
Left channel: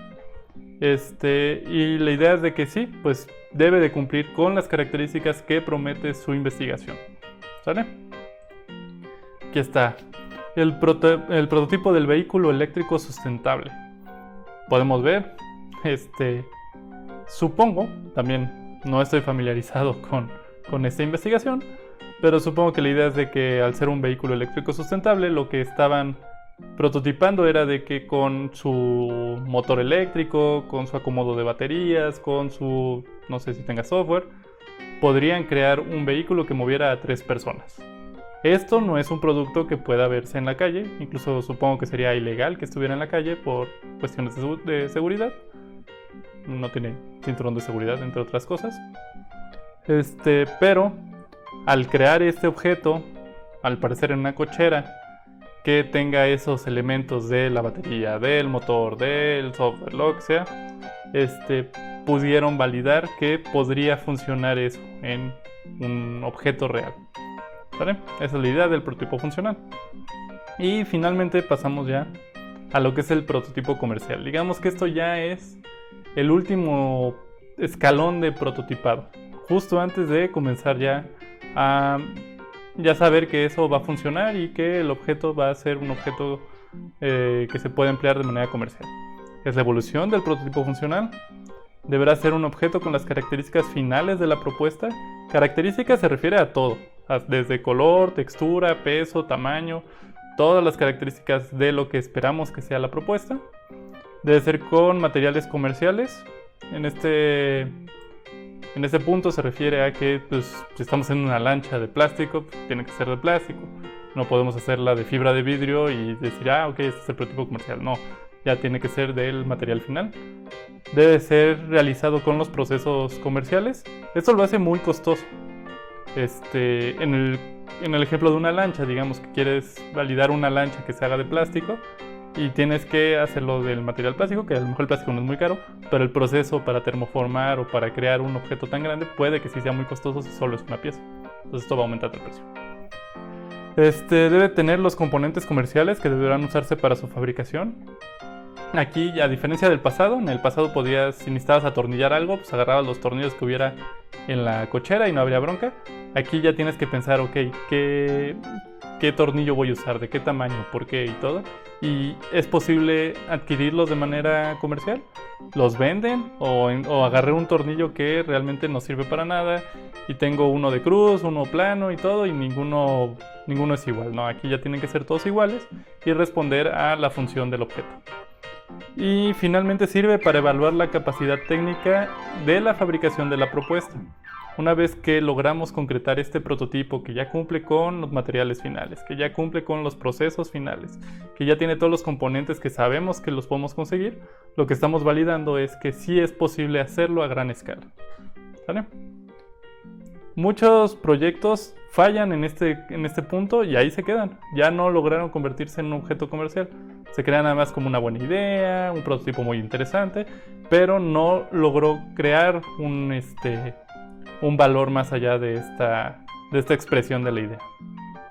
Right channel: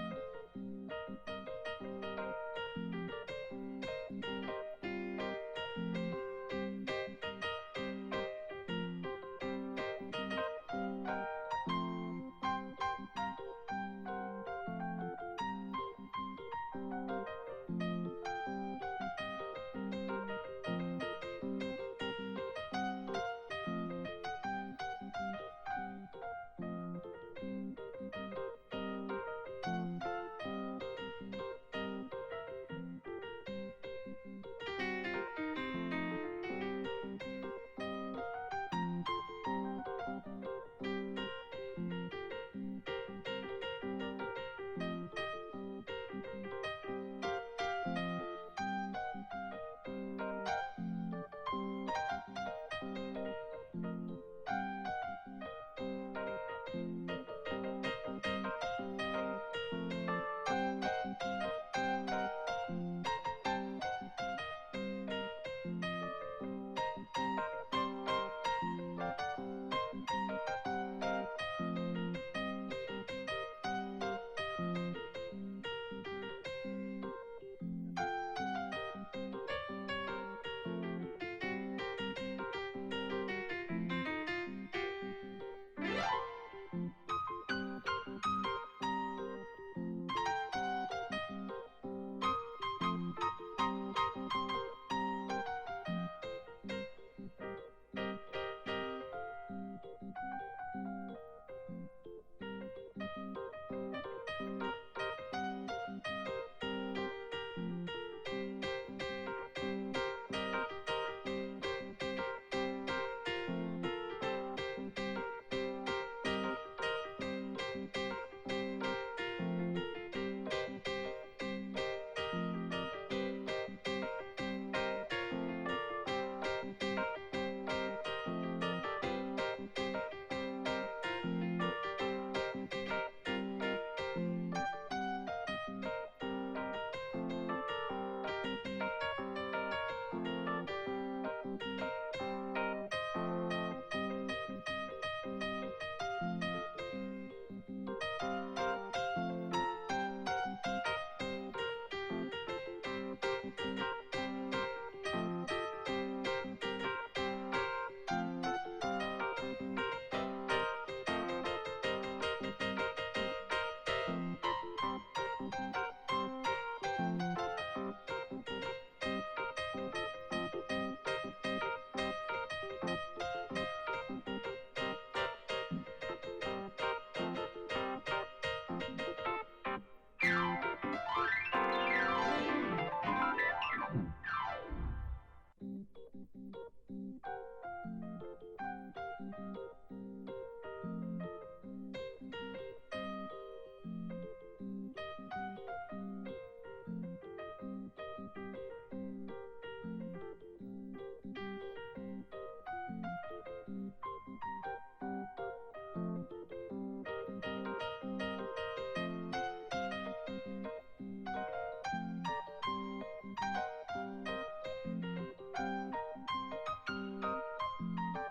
Y la idea es de que sí, pues debe de cumplir con las características que promete su investigación. ¿Sale? Aquí está. El prototipo del vehículo eléctrico sustentable. Podemos ver, supongo, también no estoy familiarizado con esta investigación, pero supongo que la idea es de que al ser un vehículo eléctrico sustentable, lo que estaban prototipando era de que con su motor eléctrico, con su acomodo de baterías, con su, no sé si tenga software, podrían crear un vehículo que moviera a 3 personas. Esto no es un producto que pueda verse en la calle, incluso supongo que sería ilegal que estuviera en la calle por cuestiones de seguridad. No tiene cinturón de seguridad, entre otras cosas. Pero al crear este objeto, al parecer en una cochera, que tenga esos elementos de la batería, del motor, del software, lo que sea, pudieron validar que podría funcionar eso en un objeto real. ¿Vale? Esa es la idea del prototipo funcional. Y finalmente pasamos ya a lo que es el prototipo comercial. Digamos que esto ya es el último escalón de prototipado, justo antes de comenzar ya a saber que eso va a funcionar y que el objeto va a ser un objeto que se puede emplear de manera comercial. Es la evolución del prototipo funcional. Deberá ser un objeto con las características finales de la propuesta. Características se refiere a todo, desde color, textura, peso, tamaño, todas las características de lo que esperamos que sea la propuesta. Debe ser con materiales comerciales. En este punto se refiere a que pues, si estamos en una lancha de plástico, pues, tiene que ser de plástico. No podemos hacerla de fibra de vidrio y decir, ok, este es el prototipo comercial. No, ya tiene que ser del material final. Debe ser realizado con los procesos comerciales. Esto lo hace muy costoso. En el ejemplo de una lancha, digamos que quieres validar una lancha que se haga de plástico, y tienes que hacerlo del material plástico, que a lo mejor el plástico no es muy caro, pero el proceso para termoformar o para crear un objeto tan grande puede que sí sea muy costoso si solo es una pieza. Entonces esto va a aumentar el precio. Debe tener los componentes comerciales que deberán usarse para su fabricación. Aquí, a diferencia del pasado, en el pasado podías, si necesitabas atornillar algo, pues agarrabas los tornillos que hubiera en la cochera y no habría bronca. Aquí ya tienes que pensar, ok, ¿qué tornillo voy a usar? ¿De qué tamaño? ¿Por qué? Y todo. Y es posible adquirirlos de manera comercial. Los venden o agarré un tornillo que realmente no sirve para nada y tengo uno de cruz, uno plano y todo y ninguno es igual, ¿no? Aquí ya tienen que ser todos iguales y responder a la función del objeto. Y finalmente sirve para evaluar la capacidad técnica de la fabricación de la propuesta. Una vez que logramos concretar este prototipo que ya cumple con los materiales finales, que ya cumple con los procesos finales, que ya tiene todos los componentes que sabemos que los podemos conseguir, lo que estamos validando es que sí es posible hacerlo a gran escala. ¿Vale? Muchos proyectos fallan en este punto y ahí se quedan. Ya no lograron convertirse en un objeto comercial. Se crea nada más como una buena idea, un prototipo muy interesante, pero no logró crear un valor más allá de esta expresión de la idea.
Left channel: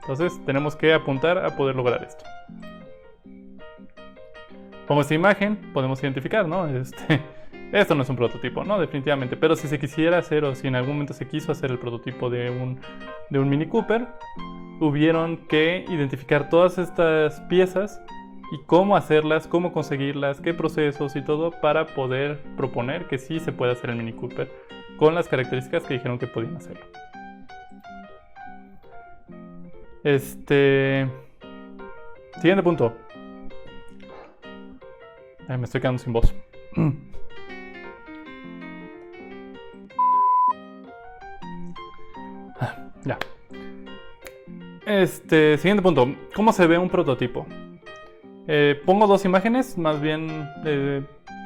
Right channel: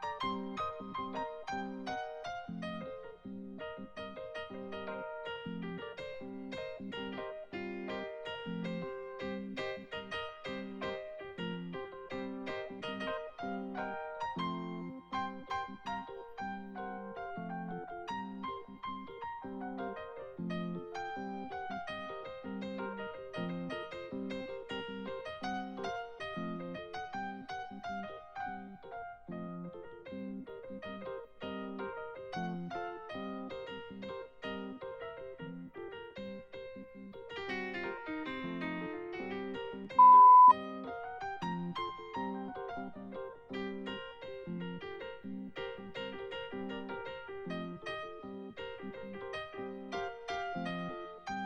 Entonces tenemos que apuntar a poder lograr esto. Como esta imagen podemos identificar, ¿no? Esto no es un prototipo, ¿no? Definitivamente, pero si se quisiera hacer o si en algún momento se quiso hacer el prototipo de un Mini Cooper, hubieron que identificar todas estas piezas y cómo hacerlas, cómo conseguirlas, qué procesos y todo para poder proponer que sí se puede hacer el Mini Cooper con las características que dijeron que podían hacerlo. Siguiente punto. Ay, me estoy quedando sin voz. Ya. Siguiente punto. ¿Cómo se ve un prototipo? Pongo dos imágenes, más bien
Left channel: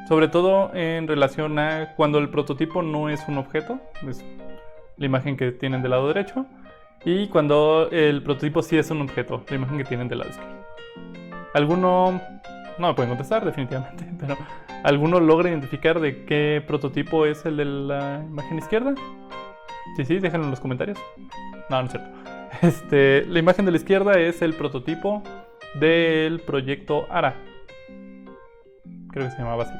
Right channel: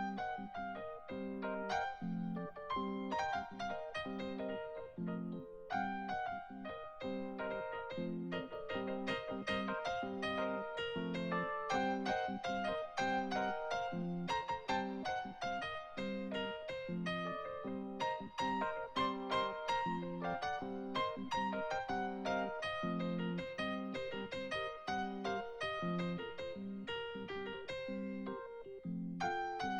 sobre todo en relación a cuando el prototipo no es un objeto, es la imagen que tienen del lado derecho, y cuando el prototipo sí es un objeto, la imagen que tienen del lado izquierdo. ¿Alguno no me pueden contestar definitivamente, pero alguno logra identificar de qué prototipo es el de la imagen izquierda? Sí, déjenlo en los comentarios. No es cierto. La imagen de la izquierda es el prototipo del proyecto ARA. Creo que se llamaba así.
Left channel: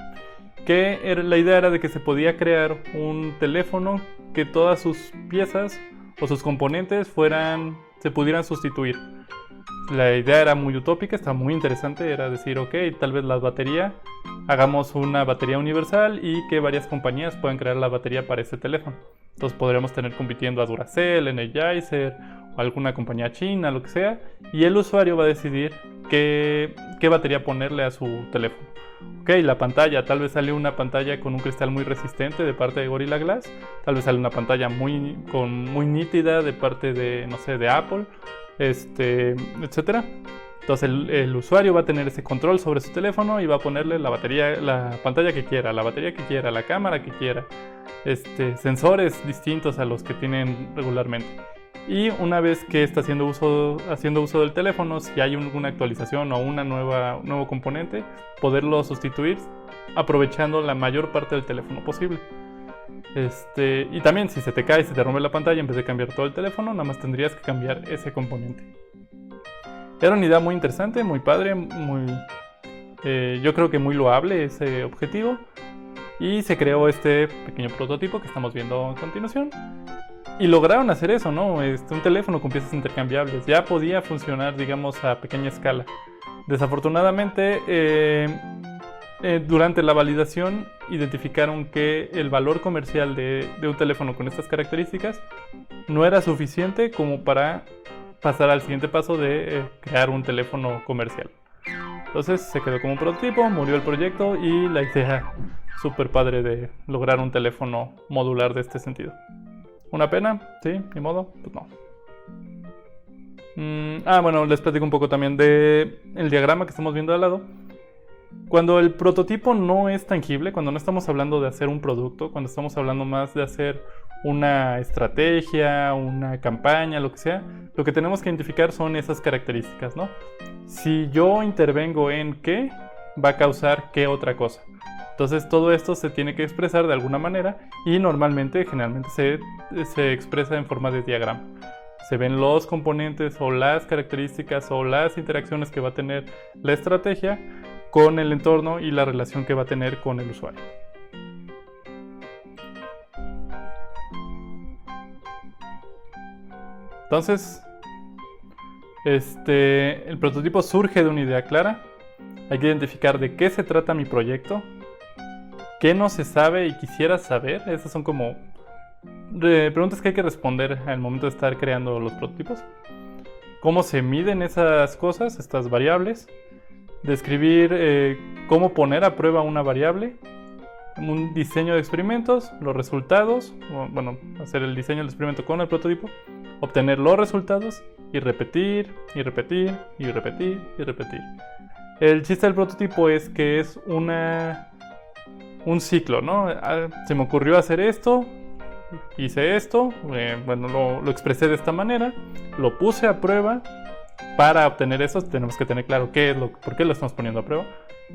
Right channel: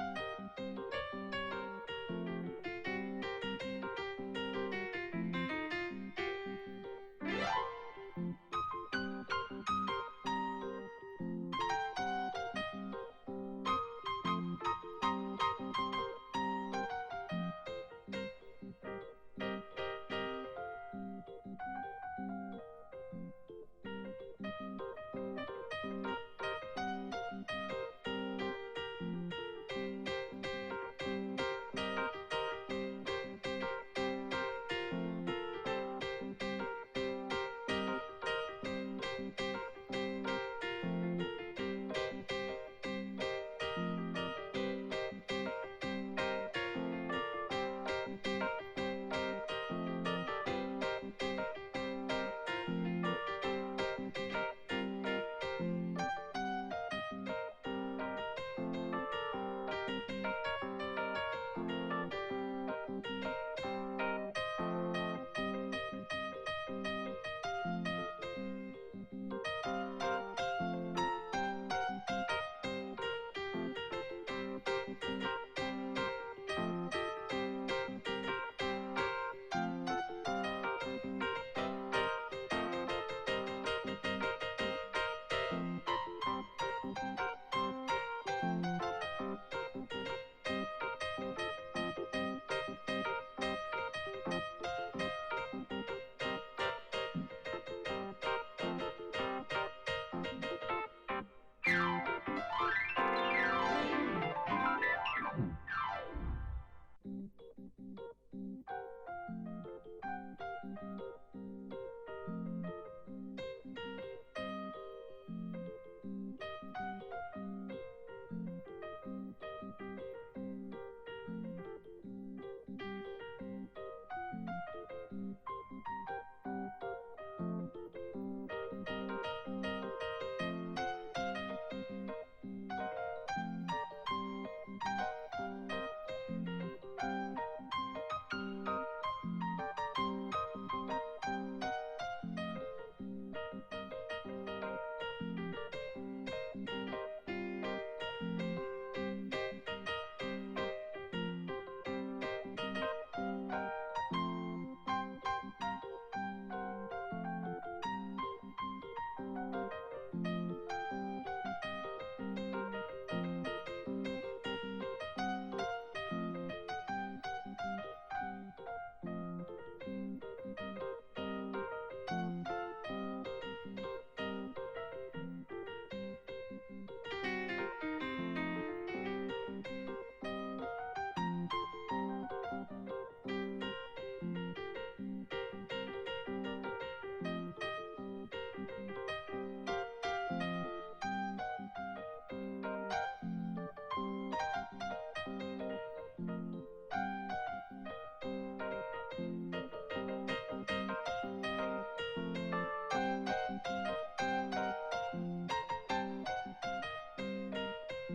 La idea era de que se podía crear un teléfono que todas sus piezas o sus componentes se pudieran sustituir. La idea era muy utópica, estaba muy interesante, era decir, ok, tal vez la batería, hagamos una batería universal y que varias compañías puedan crear la batería para ese teléfono. Entonces podríamos tener compitiendo a Duracell, Energizer o alguna compañía china, lo que sea, y el usuario va a decidir qué batería ponerle a su teléfono. Ok, la pantalla, tal vez sale una pantalla con un cristal muy resistente de parte de Gorilla Glass, tal vez sale una pantalla muy nítida de parte de, no sé, de Apple, etcétera. Entonces el usuario va a tener ese control sobre su teléfono y va a ponerle la pantalla que quiera, la batería que quiera, la cámara que quiera, sensores distintos a los que tienen regularmente. Y una vez que está haciendo uso del teléfono, si hay alguna actualización o nuevo componente, poderlo sustituir aprovechando la mayor parte del teléfono posible. Y también si se te cae, se te rompe la pantalla, en vez de cambiar todo el teléfono, nada más tendrías que cambiar ese componente. Era una idea muy interesante, muy padre, yo creo que muy loable ese objetivo. Y se creó este pequeño prototipo que estamos viendo a continuación. Y lograron hacer eso, ¿no? Un teléfono con piezas intercambiables. Ya podía funcionar, digamos, a pequeña escala. Desafortunadamente, durante la validación identificaron que el valor comercial de un teléfono con estas características no era suficiente como para pasar al siguiente paso de crear un teléfono comercial. Entonces se quedó como un prototipo, murió el proyecto y la idea súper padre de lograr un teléfono modular de este sentido. ¿Una pena? Sí, ni modo, pues no. Bueno, les platico un poco también de el diagrama que estamos viendo al lado. Cuando el prototipo no es tangible, cuando no estamos hablando de hacer un producto, cuando estamos hablando más de hacer una estrategia, una campaña, lo que sea, lo que tenemos que identificar son esas características, ¿no? Si yo intervengo en qué, va a causar qué otra cosa. Entonces todo esto se tiene que expresar de alguna manera y generalmente se expresa en forma de diagrama. Se ven los componentes o las características o las interacciones que va a tener la estrategia con el entorno y la relación que va a tener con el usuario. Entonces, el prototipo surge de una idea clara. Hay que identificar de qué se trata mi proyecto, qué no se sabe y quisiera saber. Esas son como preguntas que hay que responder al momento de estar creando los prototipos. Cómo se miden esas cosas, estas variables. Describir cómo poner a prueba una variable. Un diseño de experimentos, los resultados. Bueno, hacer el diseño del experimento con el prototipo. Obtener los resultados y repetir, y repetir, y repetir, y repetir. El chiste del prototipo es que es un ciclo, ¿no? Se me ocurrió hacer esto, hice esto, bueno, lo expresé de esta manera, lo puse a prueba. Para obtener eso tenemos que tener claro por qué lo estamos poniendo a prueba.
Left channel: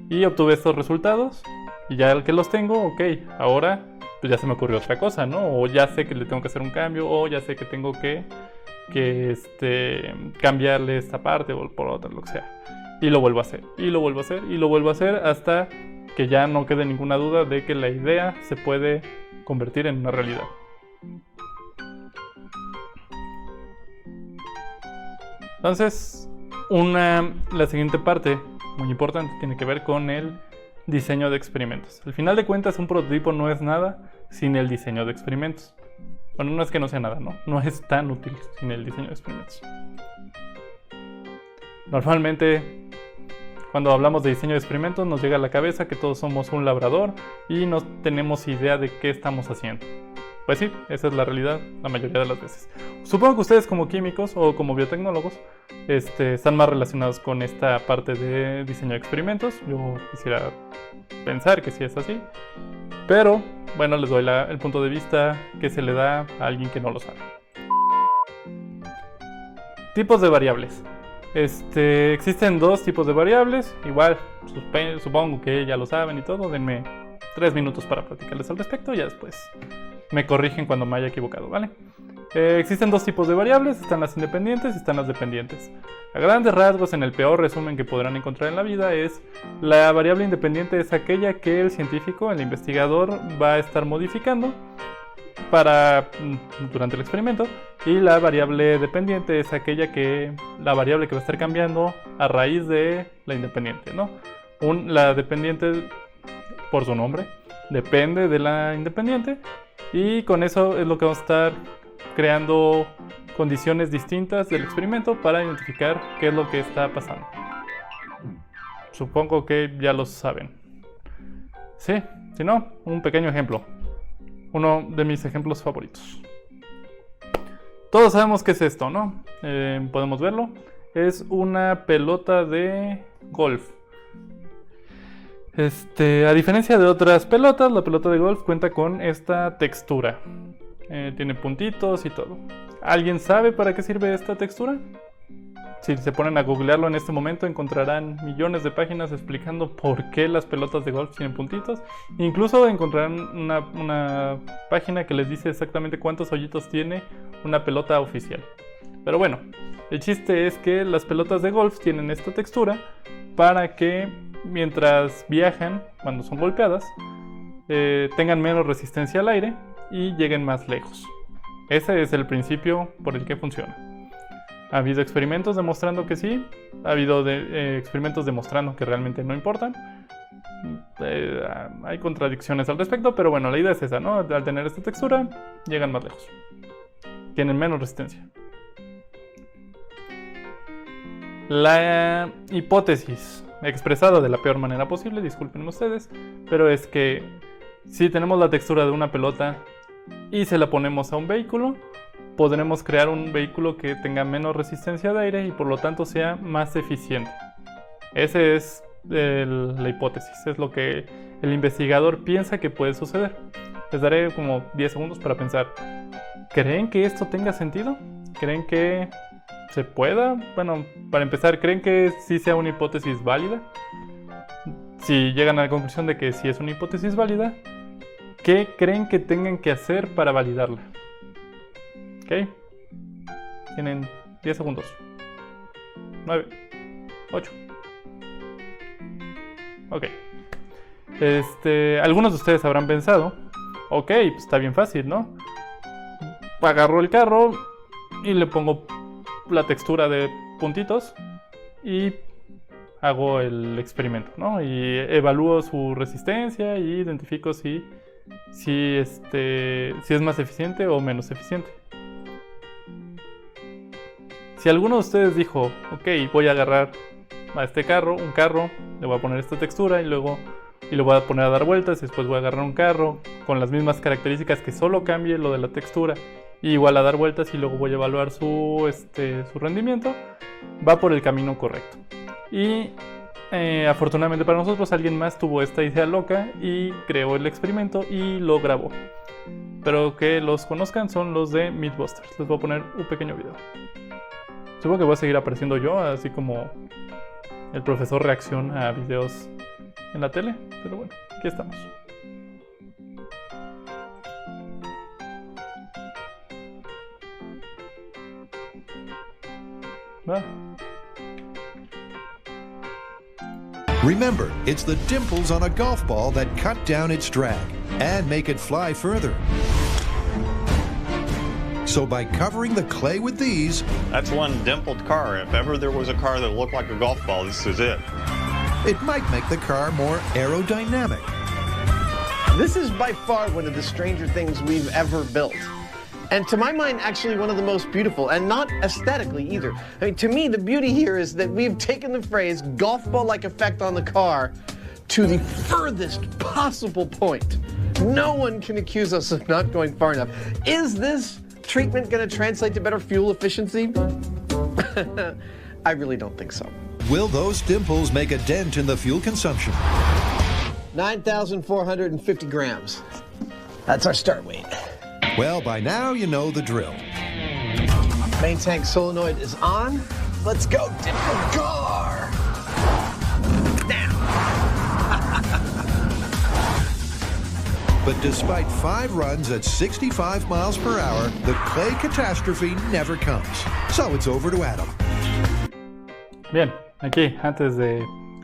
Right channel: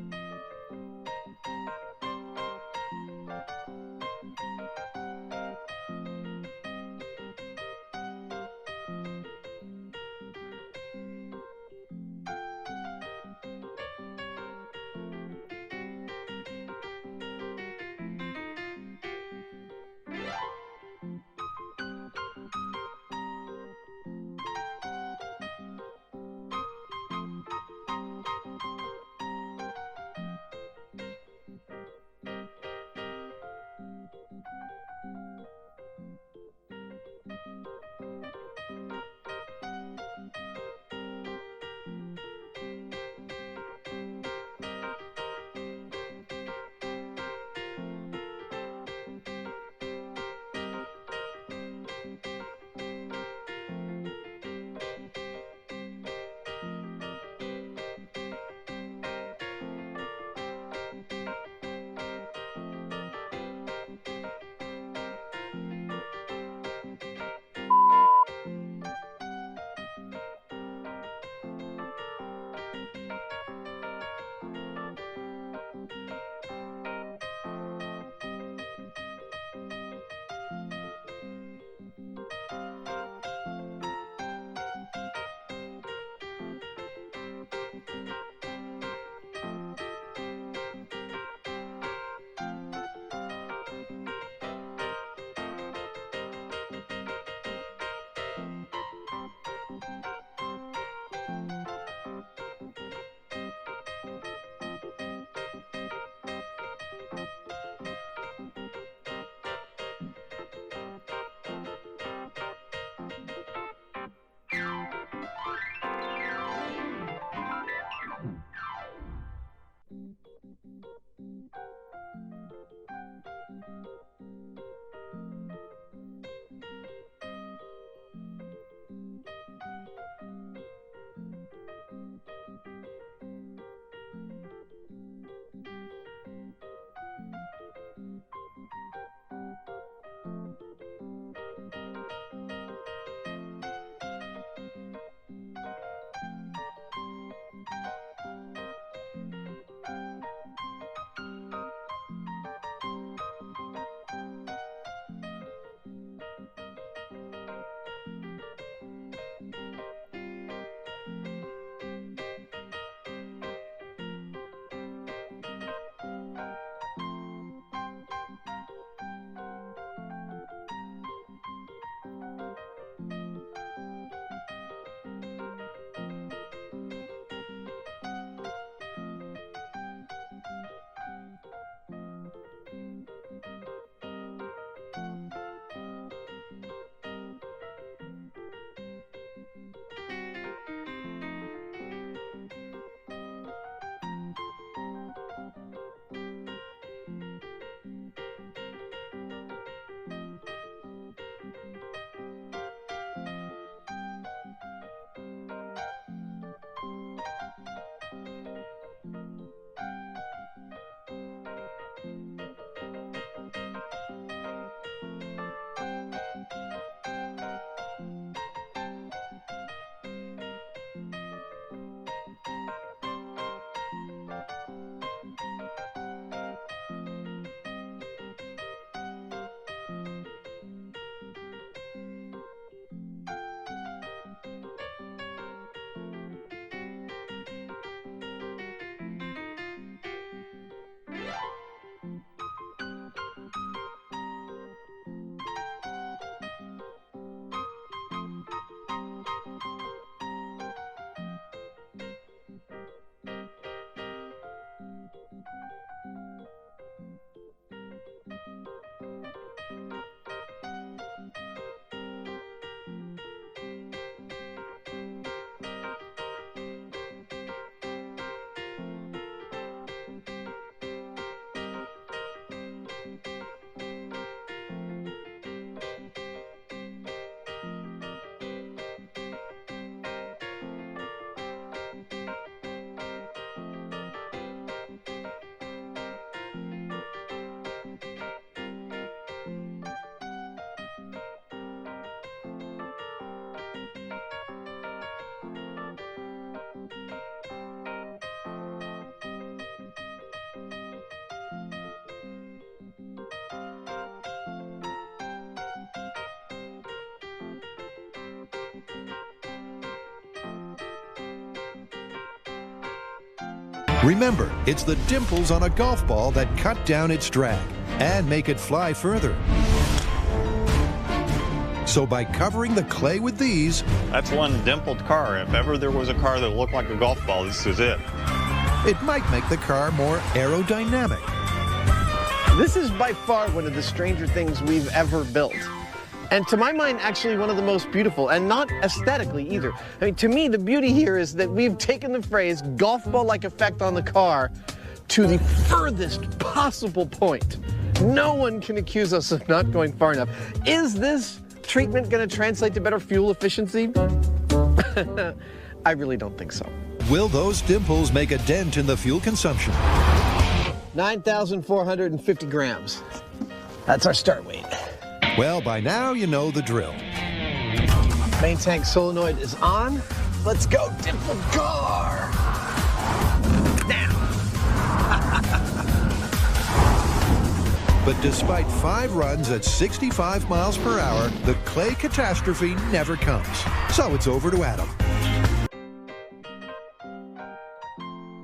Y obtuve estos resultados, y ya que los tengo, ok, ahora pues ya se me ocurrió otra cosa, ¿no? O ya sé que le tengo que hacer un cambio, o ya sé que tengo que cambiarle esta parte o por otra, lo que sea. Y lo vuelvo a hacer, y lo vuelvo a hacer, y lo vuelvo a hacer hasta que ya no quede ninguna duda de que la idea se puede convertir en una realidad. Entonces, la siguiente parte, muy importante, tiene que ver con el diseño de experimentos. Al final de cuentas, un prototipo no es nada sin el diseño de experimentos. Bueno, no es que no sea nada, ¿no? No es tan útil sin el diseño de experimentos. Normalmente, cuando hablamos de diseño de experimentos, nos llega a la cabeza que todos somos un labrador y no tenemos idea de qué estamos haciendo. Pues sí, esa es la realidad la mayoría de las veces. Supongo que ustedes como químicos o como biotecnólogos están más relacionados con esta parte de diseño de experimentos. Yo quisiera pensar que sí es así. Pero, bueno, les doy el punto de vista que se le da a alguien que no lo sabe. Tipos de variables. Existen dos tipos de variables. Igual, supongo que ya lo saben y todo. Denme 3 minutos para platicarles al respecto y ya después me corrigen cuando me haya equivocado, ¿vale? Existen dos tipos de variables, están las independientes y están las dependientes. A grandes rasgos, en el peor resumen que podrán encontrar en la vida, la variable independiente es aquella que el científico, el investigador, va a estar modificando durante el experimento, y la variable dependiente es la variable que va a estar cambiando a raíz de la independiente, ¿no? La dependiente, por su nombre, depende de la independiente, y con eso es lo que vamos a estar creando condiciones distintas del experimento para identificar qué es lo que está pasando. Supongo que ya lo saben. Sí, si no, un pequeño ejemplo. Uno de mis ejemplos favoritos. Todos sabemos qué es esto, ¿no? Podemos verlo. Es una pelota de golf. A diferencia de otras pelotas, la pelota de golf cuenta con esta textura. Tiene puntitos y todo. ¿Alguien sabe para qué sirve esta textura? Si se ponen a googlearlo en este momento, encontrarán millones de páginas explicando por qué las pelotas de golf tienen puntitos. Incluso encontrarán una página que les dice exactamente cuántos hoyitos tiene una pelota oficial. Pero bueno, el chiste es que las pelotas de golf tienen esta textura para que mientras viajan, cuando son golpeadas, tengan menos resistencia al aire y lleguen más lejos. Ese es el principio por el que funciona. Ha habido experimentos demostrando que sí, ha habido experimentos demostrando que realmente no importan. Hay contradicciones al respecto, pero bueno, la idea es esa, ¿no? Al tener esta textura, llegan más lejos. Tienen menos resistencia. La hipótesis expresada de la peor manera posible, disculpen ustedes, pero es que si tenemos la textura de una pelota y se la ponemos a un vehículo, podremos crear un vehículo que tenga menos resistencia de aire y por lo tanto sea más eficiente. Esa es la hipótesis, es lo que el investigador piensa que puede suceder. Les daré como 10 segundos para pensar. ¿Creen que esto tenga sentido? ¿Creen que se pueda? Bueno, para empezar, ¿creen que sí sea una hipótesis válida? Si llegan a la conclusión de que sí es una hipótesis válida, ¿qué creen que tengan que hacer para validarla? ¿Ok? Tienen 10 segundos. 9, 8. Ok. Algunos de ustedes habrán pensado, ok, pues está bien fácil, ¿no? Agarro el carro y le pongo la textura de puntitos y hago el experimento, ¿no? Y evalúo su resistencia y identifico si es más eficiente o menos eficiente. Si alguno de ustedes dijo, ok, voy a agarrar a este carro, un carro, le voy a poner esta textura y luego lo voy a poner a dar vueltas, y después voy a agarrar un carro con las mismas características que solo cambie lo de la textura y igual a dar vueltas y luego voy a evaluar su rendimiento, va por el camino correcto. Y afortunadamente para nosotros alguien más tuvo esta idea loca y creó el experimento y lo grabó. Pero que los conozcan son los de Mythbusters. Les voy a poner un pequeño video. Supongo que voy a seguir apareciendo yo, así como el profesor reacciona a videos en la tele, pero bueno, aquí estamos. ¿Va? Remember, it's the dimples on a golf ball that cut down its drag and make it fly further. So by covering the clay with these... That's one dimpled car. If ever there was a car that looked like a golf ball, this is it. It might make the car more aerodynamic. This is by far one of the stranger things we've ever built. And to my mind, actually one of the most beautiful, and not aesthetically either. I mean, to me, the beauty here is that we've taken the phrase golf ball-like effect on the car to the furthest possible point. No one can accuse us of not going far enough. Is this treatment going to translate to better fuel efficiency? I really don't think so. Will those dimples make a dent in the fuel consumption? 9,450 grams. That's our start weight. Well, by now you know the drill. Main tank solenoid is on. Let's go, dimple car! Now! But despite 5 runs at 65 miles per hour, the clay catastrophe never comes. So it's over to Adam. Bien, aquí, antes de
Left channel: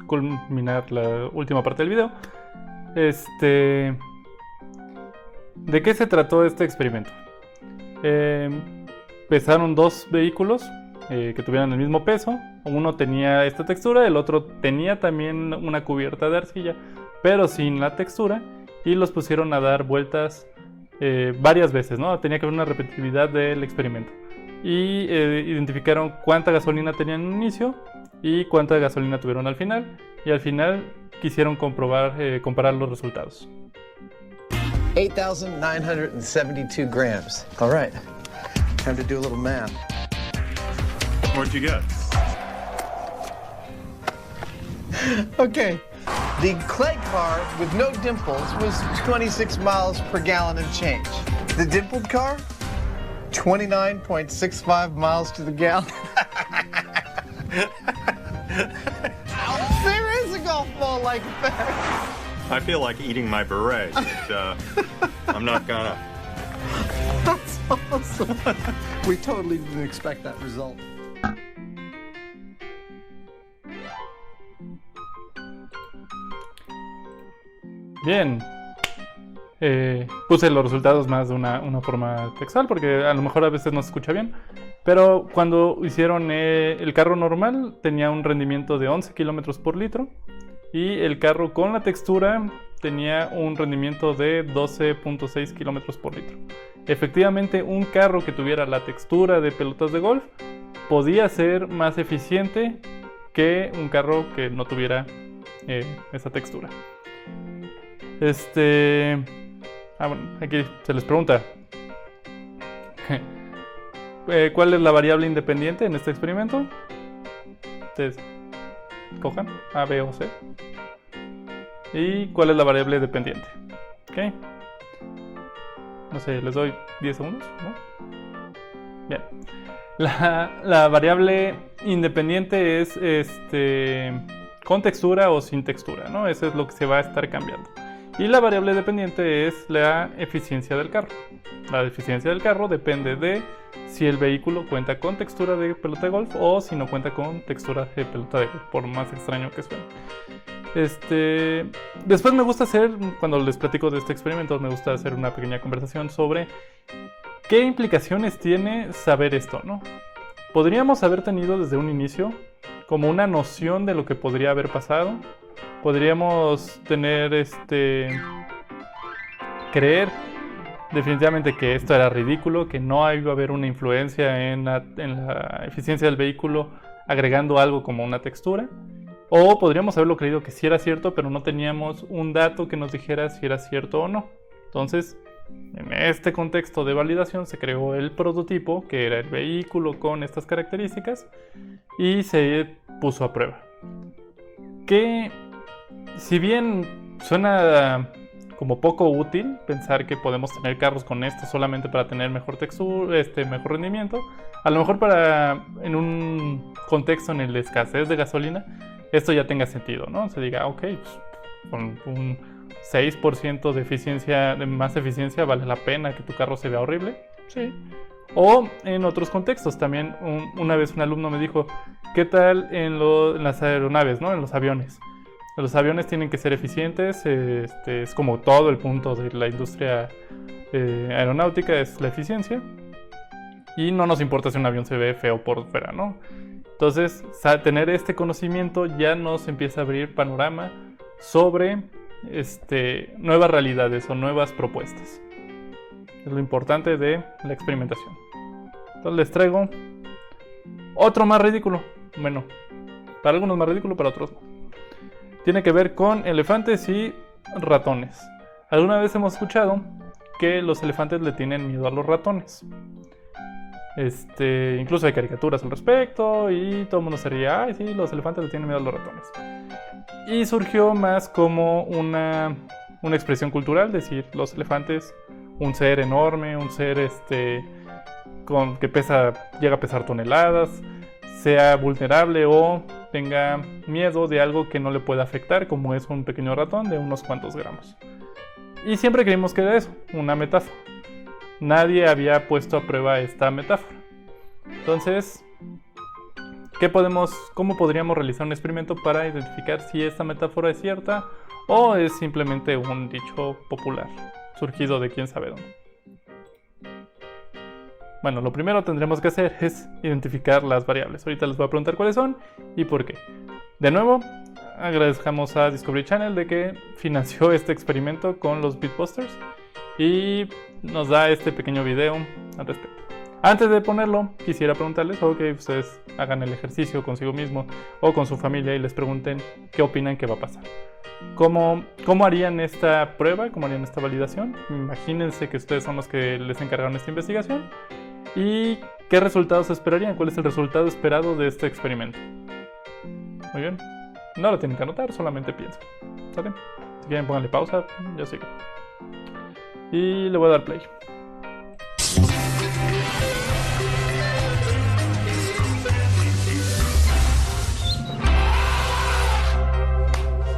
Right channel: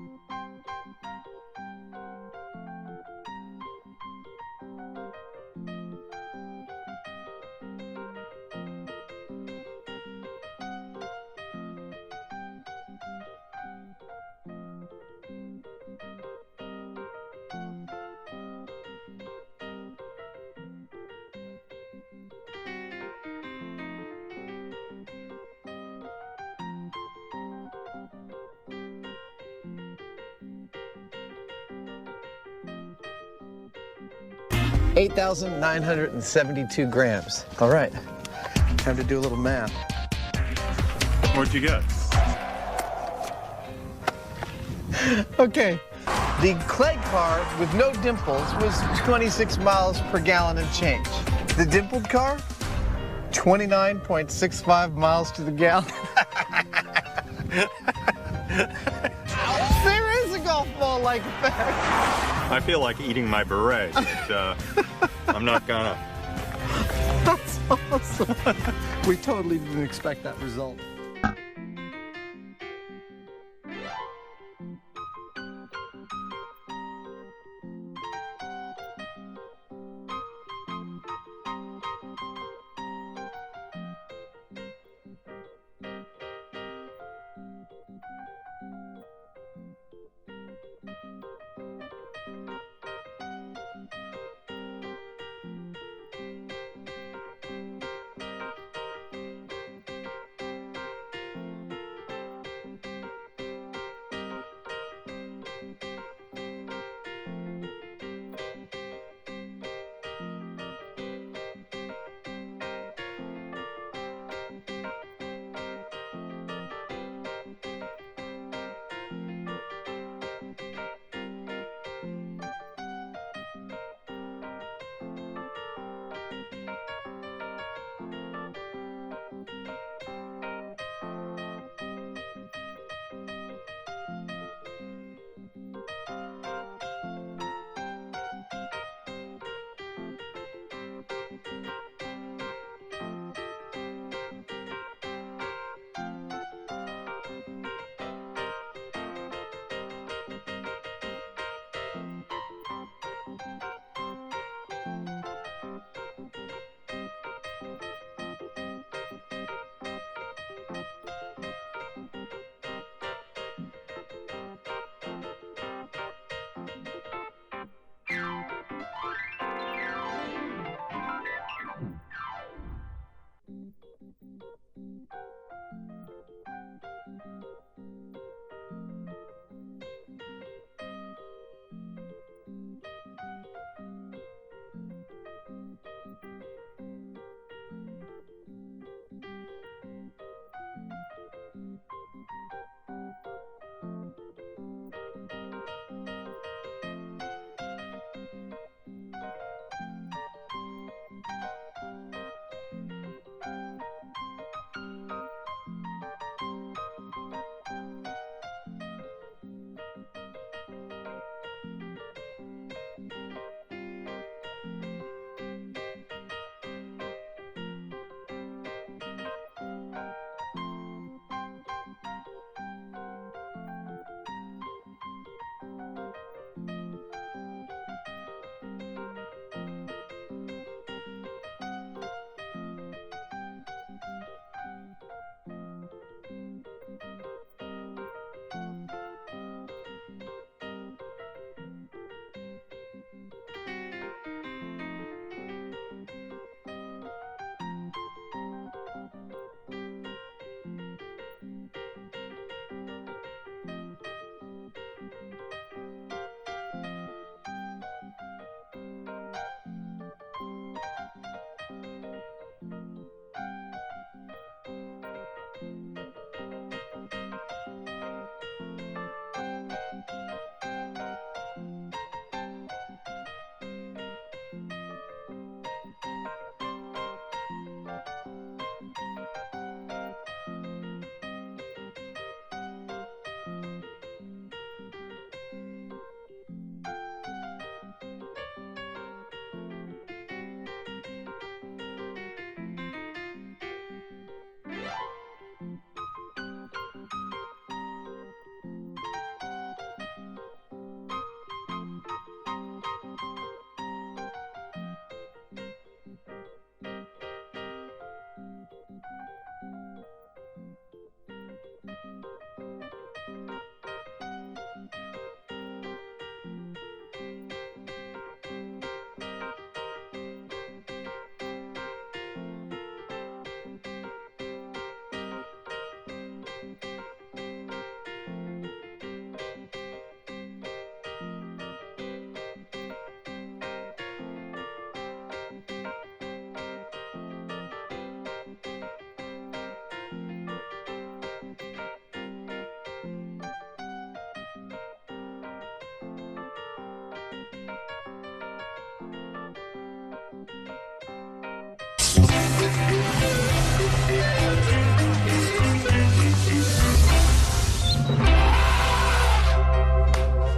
culminar la última parte del video, ¿de qué se trató este experimento? Pesaron 2 vehículos que tuvieran el mismo peso. Uno tenía esta textura, el otro tenía también una cubierta de arcilla, pero sin la textura, y los pusieron a dar vueltas varias veces, ¿no? Tenía que haber una repetitividad del experimento. Y identificaron cuánta gasolina tenían en un inicio y cuánta gasolina tuvieron al final. Y al final quisieron comparar los resultados. 8,972 grams. All right, time to do a little math. What'd you get? Okay, the clay car with no dimples was 26 miles per gallon and change. The dimpled car, 29.65 miles to the gallon. There is a golf ball-like effect. I feel like eating my beret, but I'm not gonna. That's awesome. We totally didn't expect that result. Bien, puse los resultados más de una forma textual porque a lo mejor a veces no se escucha bien, pero cuando hicieron el carro normal tenía un rendimiento de 11 kilómetros por litro y el carro con la textura tenía un rendimiento de 12.6 kilómetros por litro. Efectivamente, un carro que tuviera la textura de pelotas de golf podía ser más eficiente que un carro que no tuviera esa textura. Bueno, aquí se les pregunta ¿cuál es la variable independiente en este experimento? Ustedes cojan A, B o C. ¿Y cuál es la variable dependiente? ¿Okay? No sé, les doy 10 segundos, ¿no? Bien. La variable independiente es con textura o sin textura, ¿no? Eso es lo que se va a estar cambiando. Y la variable dependiente es la eficiencia del carro. La eficiencia del carro depende de si el vehículo cuenta con textura de pelota de golf o si no cuenta con textura de pelota de golf, por más extraño que suene. Después me gusta hacer, cuando les platico de este experimento, me gusta hacer una pequeña conversación sobre qué implicaciones tiene saber esto, ¿no? Podríamos haber tenido desde un inicio como una noción de lo que podría haber pasado. Podríamos tener, creer definitivamente que esto era ridículo, que no iba a haber una influencia en la eficiencia del vehículo agregando algo como una textura. O podríamos haberlo creído que sí era cierto, pero no teníamos un dato que nos dijera si era cierto o no. Entonces, en este contexto de validación se creó el prototipo, que era el vehículo con estas características, y se puso a prueba. Que, si bien suena como poco útil pensar que podemos tener carros con esto solamente para tener mejor textura, mejor rendimiento, a lo mejor en un contexto en el de escasez de gasolina, esto ya tenga sentido, ¿no? Se diga, ok, pues, con un 6% de eficiencia, de más eficiencia, vale la pena que tu carro se vea horrible. Sí. O en otros contextos también, una vez un alumno me dijo, ¿qué tal en las aeronaves, ¿no? En los aviones? Los aviones tienen que ser eficientes, es como todo el punto de la industria aeronáutica, es la eficiencia. Y no nos importa si un avión se ve feo por fuera, ¿no? Entonces, tener este conocimiento ya nos empieza a abrir panorama sobre nuevas realidades o nuevas propuestas. Es lo importante de la experimentación. Entonces les traigo otro más ridículo. Bueno, para algunos más ridículo, para otros no. Tiene que ver con elefantes y ratones. Alguna vez hemos escuchado que los elefantes le tienen miedo a los ratones. Incluso hay caricaturas al respecto y todo el mundo se ríe, ay sí, los elefantes le tienen miedo a los ratones. Y surgió más como una expresión cultural, decir, los elefantes, un ser enorme, un ser que llega a pesar toneladas, sea vulnerable o tenga miedo de algo que no le pueda afectar, como es un pequeño ratón de unos cuantos gramos. Y siempre creímos que era eso, una metáfora. Nadie había puesto a prueba esta metáfora. Entonces, ¿cómo podríamos realizar un experimento para identificar si esta metáfora es cierta o es simplemente un dicho popular, surgido de quién sabe dónde? Bueno, lo primero que tendremos que hacer es identificar las variables. Ahorita les voy a preguntar cuáles son y por qué. De nuevo, agradezcamos a Discovery Channel de que financió este experimento con los Beatbusters y nos da este pequeño video al respecto. Antes de ponerlo, quisiera preguntarles o que ustedes hagan el ejercicio consigo mismo o con su familia y les pregunten qué opinan que va a pasar. ¿Cómo harían esta prueba? ¿Cómo harían esta validación? Imagínense que ustedes son los que les encargaron esta investigación. ¿Y qué resultados esperarían? ¿Cuál es el resultado esperado de este experimento? Muy bien. No lo tienen que anotar, solamente piensen. ¿Sale? Si quieren, pónganle pausa. Yo sigo. Y le voy a dar play.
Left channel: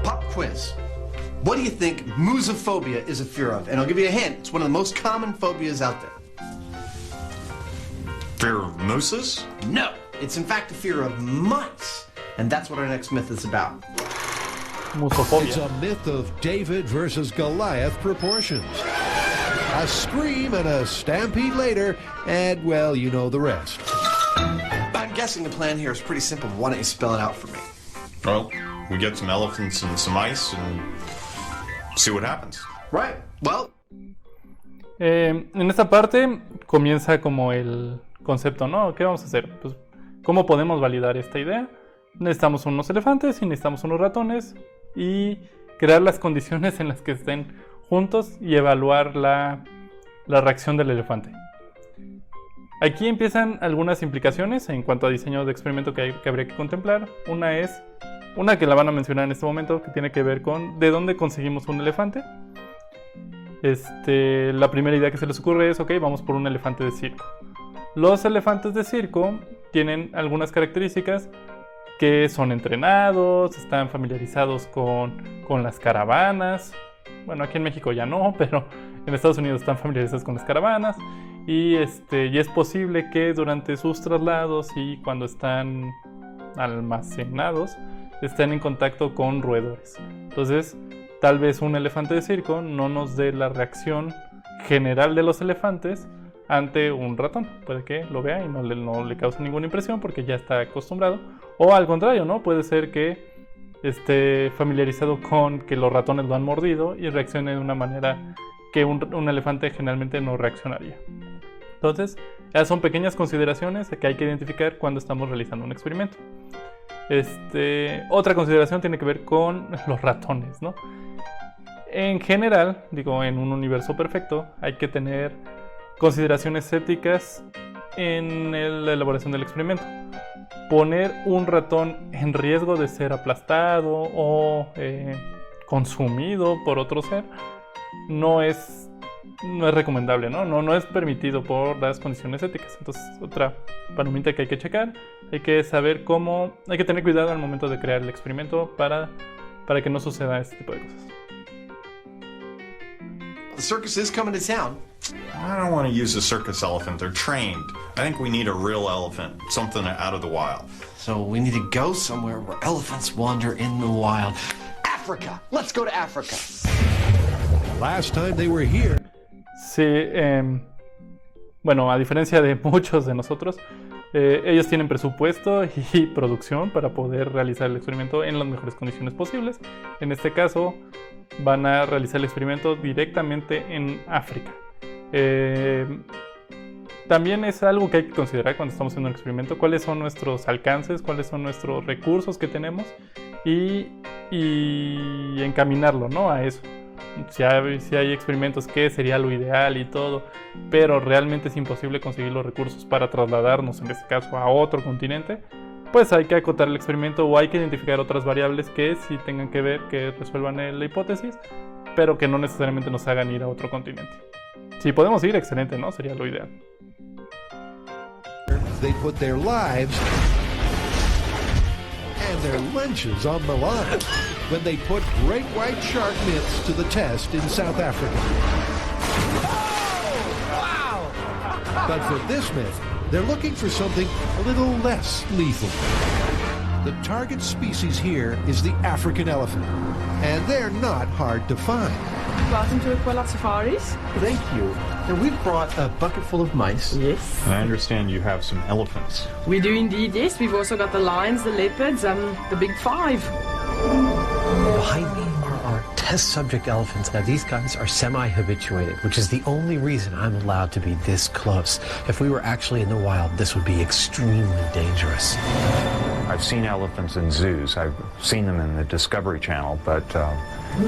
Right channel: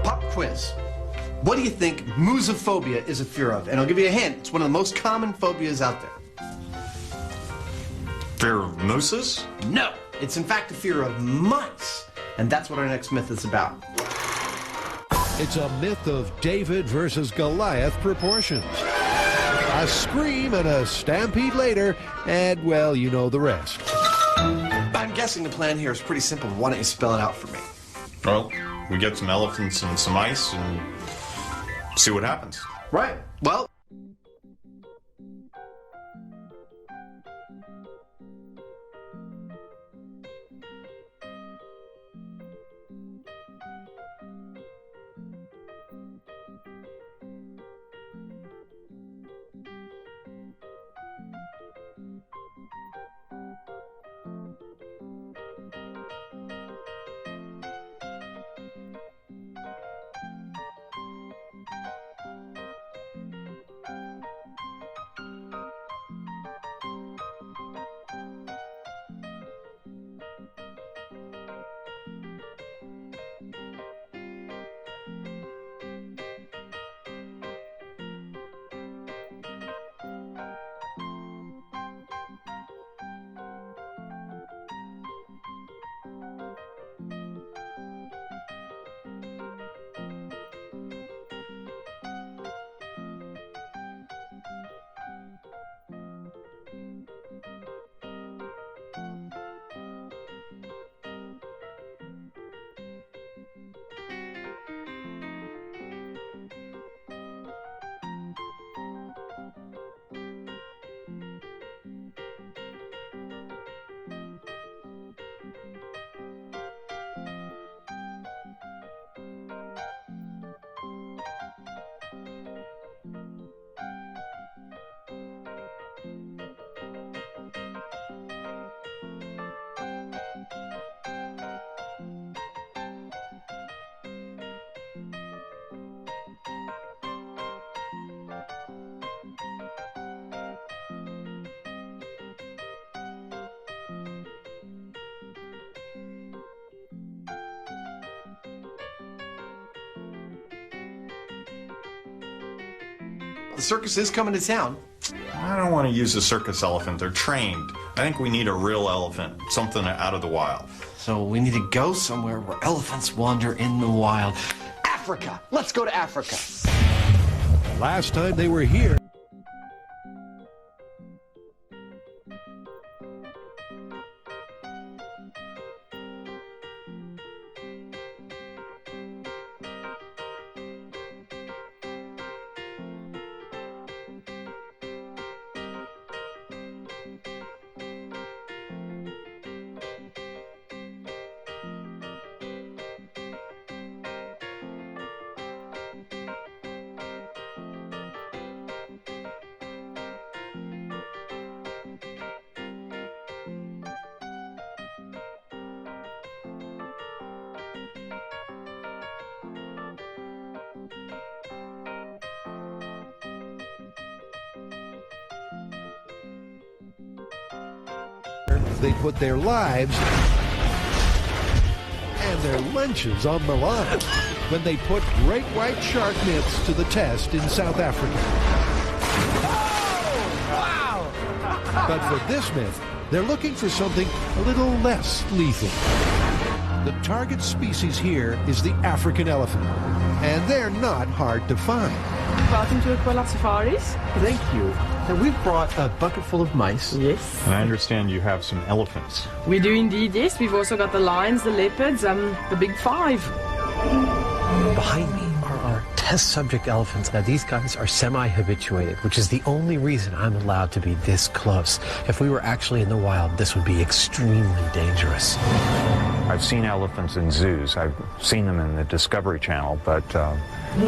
Pop quiz. What do you think musophobia is a fear of? And I'll give you a hint. It's one of the most common phobias out there. Fear of mooses? No, it's in fact a fear of mice. And that's what our next myth is about. It's a myth of David versus Goliath proportions. A scream and a stampede later, and well, you know the rest. I'm guessing the plan here is pretty simple. Why don't you spell it out for me? Well, we get some elephants and some ice and see what happens. Right. Well. En esta parte comienza como el concepto, ¿no? ¿Qué vamos a hacer? Pues, ¿cómo podemos validar esta idea? Necesitamos unos elefantes y necesitamos unos ratones y crear las condiciones en las que estén juntos y evaluar la reacción del elefante. Aquí empiezan algunas implicaciones en cuanto a diseño de experimento que habría que contemplar. Una que la van a mencionar en este momento, que tiene que ver con de dónde conseguimos un elefante. La primera idea que se les ocurre es, ok, vamos por un elefante de circo. Los elefantes de circo tienen algunas características que son entrenados, están familiarizados con las caravanas. Bueno, aquí en México ya no, pero en Estados Unidos están familiarizados con las caravanas. Y es posible que durante sus traslados y cuando están almacenados estén en contacto con roedores. Entonces, tal vez un elefante de circo no nos dé la reacción general de los elefantes ante un ratón. Puede que lo vea y no le cause ninguna impresión porque ya está acostumbrado. O al contrario, ¿no? Puede ser que esté familiarizado con que los ratones lo han mordido y reaccione de una manera que un elefante generalmente no reaccionaría. Entonces, esas son pequeñas consideraciones que hay que identificar cuando estamos realizando un experimento. Otra consideración tiene que ver con los ratones, ¿no? En general, en un universo perfecto, hay que tener consideraciones éticas en la elaboración del experimento. Poner un ratón en riesgo de ser aplastado o consumido por otro ser no es recomendable, ¿no? No es permitido por las condiciones éticas. Entonces, otra palomita que hay que checar. Hay que saber hay que tener cuidado al momento de crear el experimento para que no suceda este tipo de cosas. The circus is coming to town. I don't want to use a circus elephant. They're trained. I think we need a real elephant, something out of the wild. So we need to go somewhere where elephants wander in the wild. Africa! Let's go to Africa. Last time they were here. Sí, bueno, a diferencia de muchos de nosotros, ellos tienen presupuesto y producción para poder realizar el experimento en las mejores condiciones posibles. En este caso, van a realizar el experimento directamente en África. También es algo que hay que considerar cuando estamos haciendo un experimento, cuáles son nuestros alcances, cuáles son nuestros recursos que tenemos y encaminarlo, ¿no? A eso. Si hay experimentos que sería lo ideal y todo, pero realmente es imposible conseguir los recursos para trasladarnos, en este caso, a otro continente, pues hay que acotar el experimento o hay que identificar otras variables que sí tengan que ver, que resuelvan la hipótesis, pero que no necesariamente nos hagan ir a otro continente. Si podemos ir, excelente, ¿no? Sería lo ideal. They put their lives and their lunches on the line when they put great white shark myths to the test in South Africa. Wow! But for this myth, they're looking for something a little less lethal. The target species here is the African elephant, and they're not hard to find. Welcome to Aquila Safaris. Thank you. And we've brought a bucket full of mice. Yes. And I understand you have some elephants. We do indeed, yes. We've also got the lions, the leopards, the big five. Behind me are our test subject elephants. Now, these guys are semi-habituated, which is the only reason I'm allowed to be this close. If we were actually in the wild, this would be extremely dangerous. I've seen elephants in zoos. I've seen them in the Discovery Channel, but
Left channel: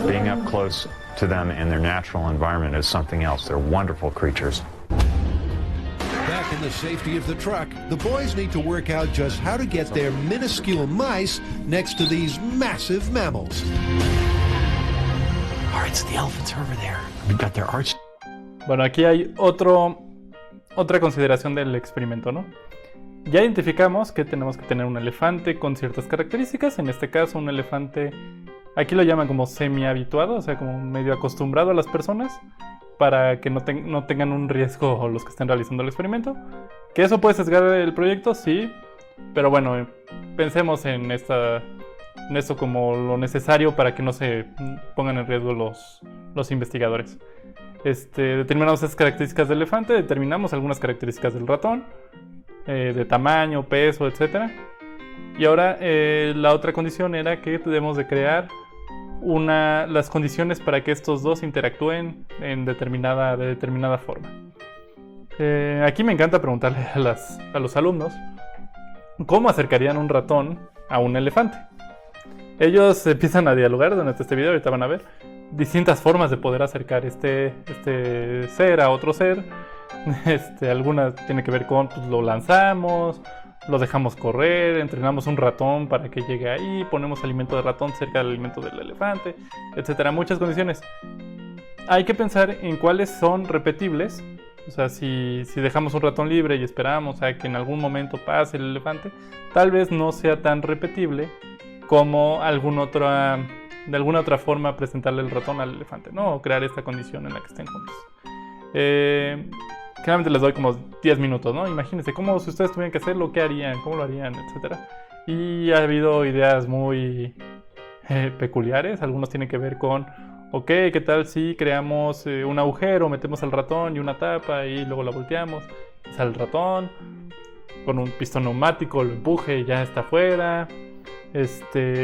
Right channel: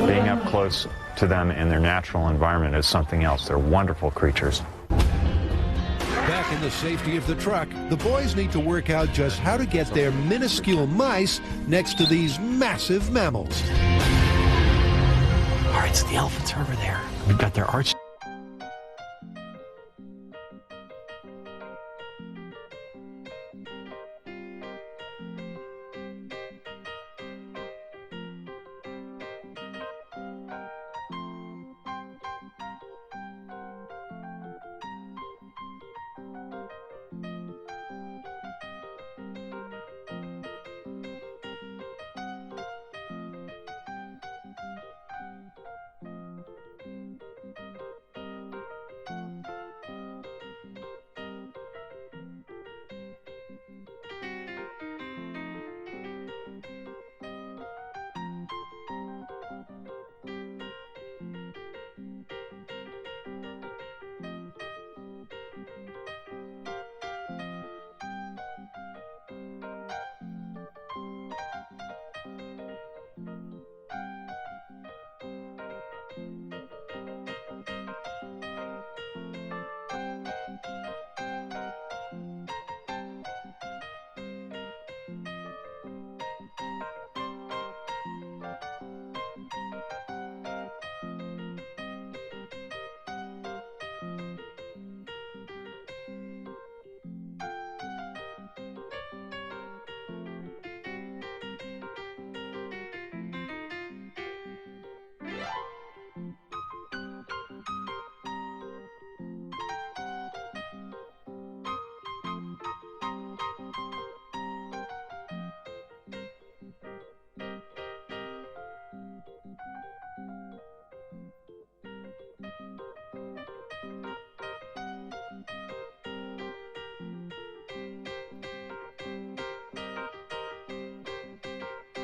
being up close to them in their natural environment is something else. They're wonderful creatures. Back in the safety of the truck, the boys need to work out just how to get their minuscule mice next to these massive mammals. All right, so the elephants are over there. We've got their arch. Bueno, aquí hay otra consideración del experimento, ¿no? Ya identificamos que tenemos que tener un elefante con ciertas características. En este caso, un elefante, aquí lo llaman como semi-habituado, o sea, como medio acostumbrado a las personas, para que no tengan un riesgo los que estén realizando el experimento. ¿Que eso puede sesgar el proyecto? Sí, pero bueno, pensemos en esto como lo necesario para que no se pongan en riesgo los investigadores. Determinamos esas características del elefante, determinamos algunas características del ratón, de tamaño, peso, etc. Y ahora la otra condición era que debemos de crear las condiciones para que estos dos interactúen de determinada forma. Aquí me encanta preguntarle a los alumnos cómo acercarían un ratón a un elefante. Ellos empiezan a dialogar durante este video, ahorita van a ver distintas formas de poder acercar este ser a otro ser. Algunas tienen que ver con lo lanzamos, lo dejamos correr, entrenamos un ratón para que llegue ahí, ponemos alimento de ratón cerca del alimento del elefante, etcétera. Muchas condiciones. hay que pensar en cuáles son repetibles. O sea, si dejamos un ratón libre y esperamos a que en algún momento pase el elefante, tal vez no sea tan repetible como de alguna otra forma presentarle el ratón al elefante, ¿no? O crear esta condición en la que estén juntos. Generalmente les doy como 10 minutos, ¿no? Imagínense cómo si ustedes tuvieran que hacerlo, ¿qué harían? ¿Cómo lo harían? Etcétera. Y ha habido ideas muy peculiares. Algunos tienen que ver con, ok, ¿qué tal si creamos un agujero, metemos al ratón y una tapa y luego la volteamos? Sale el ratón, con un pistón neumático lo empuje y ya está afuera.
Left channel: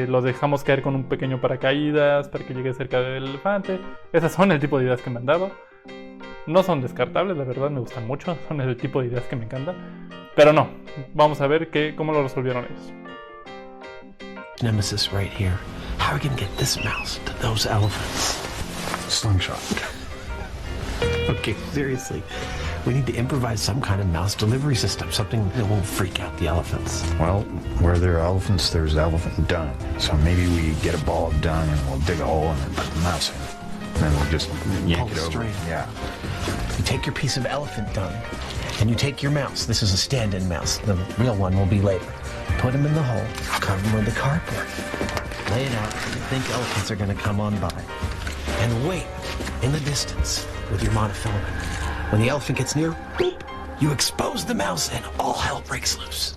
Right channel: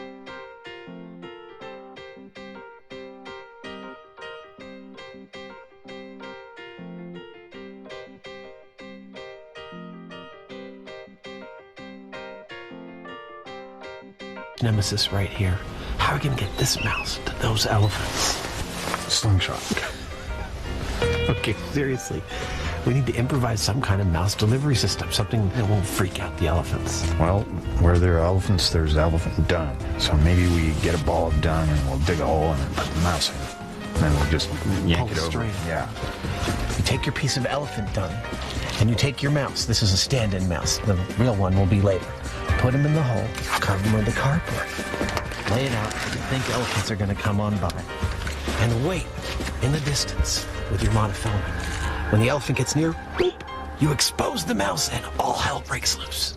Lo dejamos caer con un pequeño paracaídas para que llegue cerca del elefante. Esas son el tipo de ideas que me han dado. No son descartables, la verdad me gustan mucho. Son el tipo de ideas que me encantan. Pero no, vamos a ver cómo lo resolvieron ellos. Nemesis right here. How are we gonna get this mouse to those elephants? Slingshot. Okay, seriously. We need to improvise some kind of mouse delivery system, something that won't freak out the elephants. Well, where there are elephants, there's elephant dung. So maybe we get a ball of dung and we'll dig a hole and then put the mouse in. And then we'll just yank it over. String. Yeah. You take your piece of elephant dung, and you take your mouse. This is a stand-in mouse. The real one will be later. Put him in the hole, cover him with the cardboard. Lay it out, you think elephants are going to come on by. And wait in the distance with your monofilament. When the elephant gets near, boop, you expose the mouse and all hell breaks loose.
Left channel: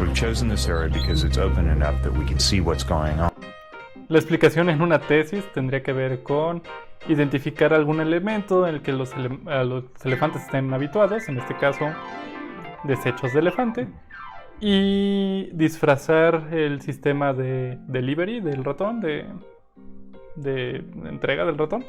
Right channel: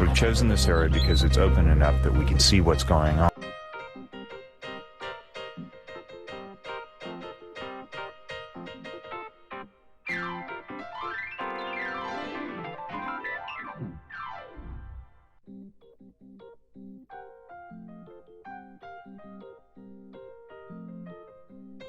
We've chosen this area because it's open enough that we can see what's going on. La explicación en una tesis tendría que ver con identificar algún elemento en el que los elefantes estén habituados, en este caso desechos de elefante, y disfrazar el sistema de delivery del ratón, de entrega del ratón,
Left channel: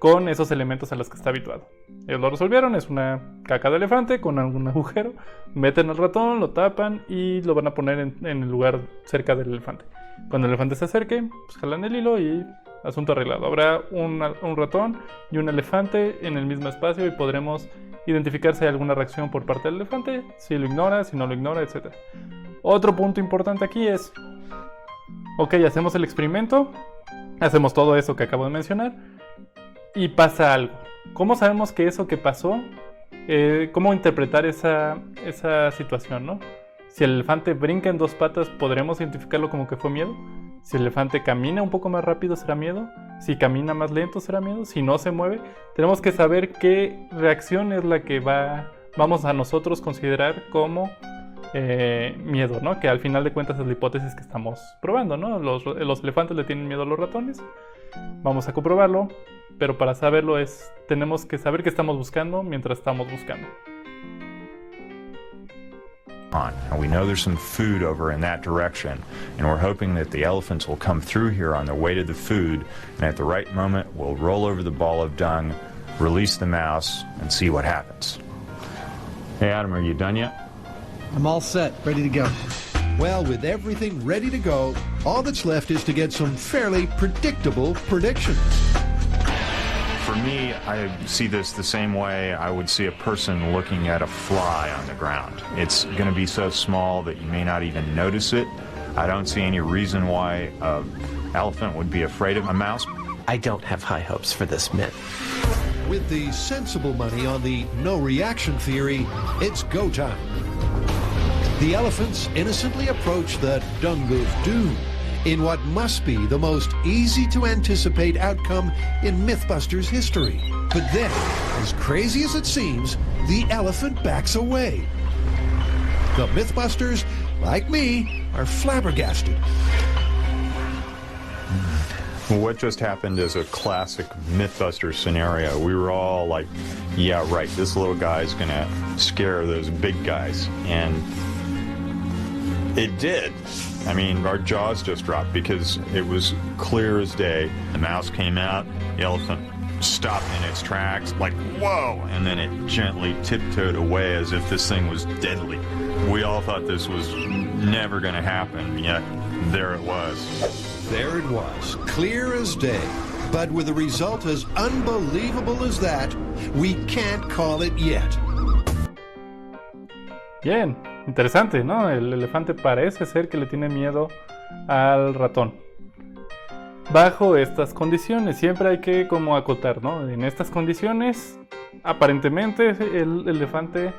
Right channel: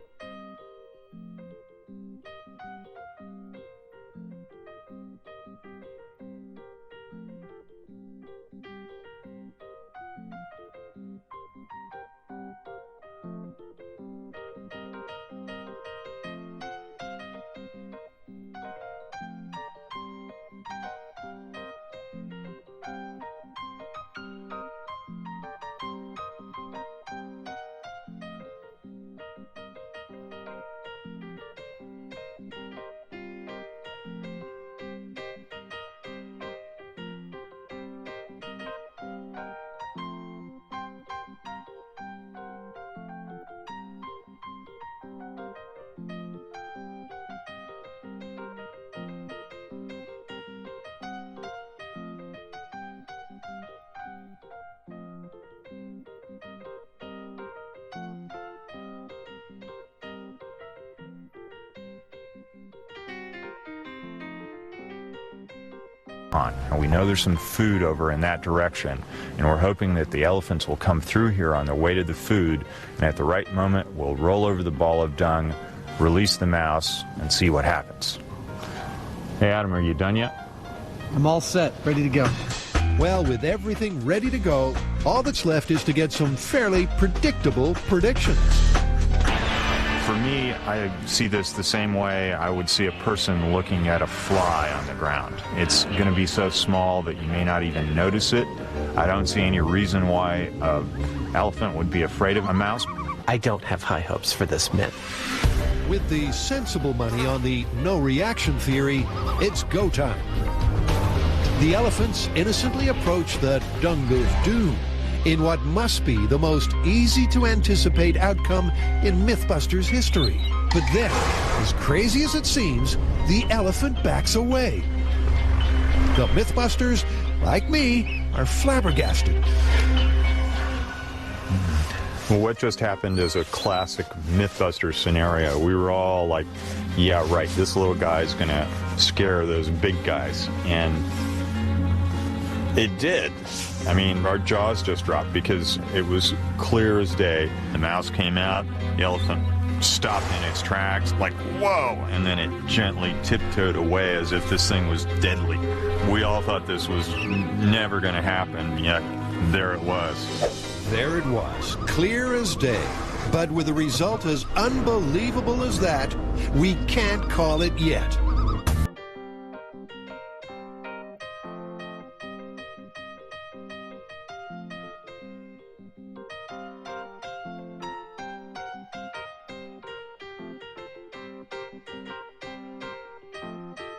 con esos elementos a los que está habituado. Ellos lo resolvieron, es una caca de elefante con algún agujero, meten al ratón, lo tapan y lo van a poner en el lugar cerca del elefante. Cuando el elefante se acerque, pues jalan el hilo y asunto arreglado. Habrá un ratón y un elefante en el mismo espacio y podremos identificar si hay alguna reacción por parte del elefante, si lo ignora, si no lo ignora, etc. Otro punto importante aquí es, ok, hacemos el experimento, hacemos todo eso que acabo de mencionar y pasa algo. ¿Cómo sabemos que eso que pasó, cómo interpretar esa situación, ¿no? Si el elefante brinca en dos patas, ¿podremos identificarlo como que fue miedo? Si el elefante camina un poco más rápido, ¿será miedo? Si camina más lento, ¿será miedo? Si no se mueve, tenemos que saber qué reacción es la que vamos a nosotros considerar como miedo, ¿no? Que al final de cuentas es la hipótesis que estamos probando, ¿no? Los elefantes le tienen miedo a los ratones. Vamos a comprobarlo, pero para saberlo tenemos que saber qué estamos buscando mientras estamos buscando. And we know there's some food over in that direction, and we're hoping that the elephants will come through here on their way to the food, and at the right moment we'll roll over the ball of dung, release the mouse, and see what happens. Hey Adam, are you done yet? I'm all set, ready to go. Well, with everything ready to go, all that's left is to get some fairly predictable predictions. For me, I see this the same way I would see a person looking at a fly on the ground. It's going to be so small that you may not even notice it. I don't see any reason why an elephant would be afraid of a mouse. I don't have high hopes for this myth. With the sensible money on the no reaction theory, it's go time. The elephants innocently approach the Dung of Doom in what must be the most easy-to-anticipate outcome in Mythbusters history. But then, as crazy as it seems, the elephant backs away. The Mythbusters, like me, are flabbergasted. Well, what just happened is a classic Mythbusters scenario. We were all like, yeah, right, this little guy's going to scare those big guys. And it did. I mean, our jaws just dropped because it was clear as day. The mouse came out, the elephant stopped in its tracks, like, whoa! And then it gently tiptoed away as if this thing was deadly. We all thought this was never going to happen, yet there it was. There it was, clear as day. But with a result as unbelievable as that, we can't call it yet. Bien, interesante, ¿no? El elefante parece ser que le tiene miedo al ratón. bajo estas condiciones. Siempre hay que como acotar, ¿no? En estas condiciones, aparentemente el elefante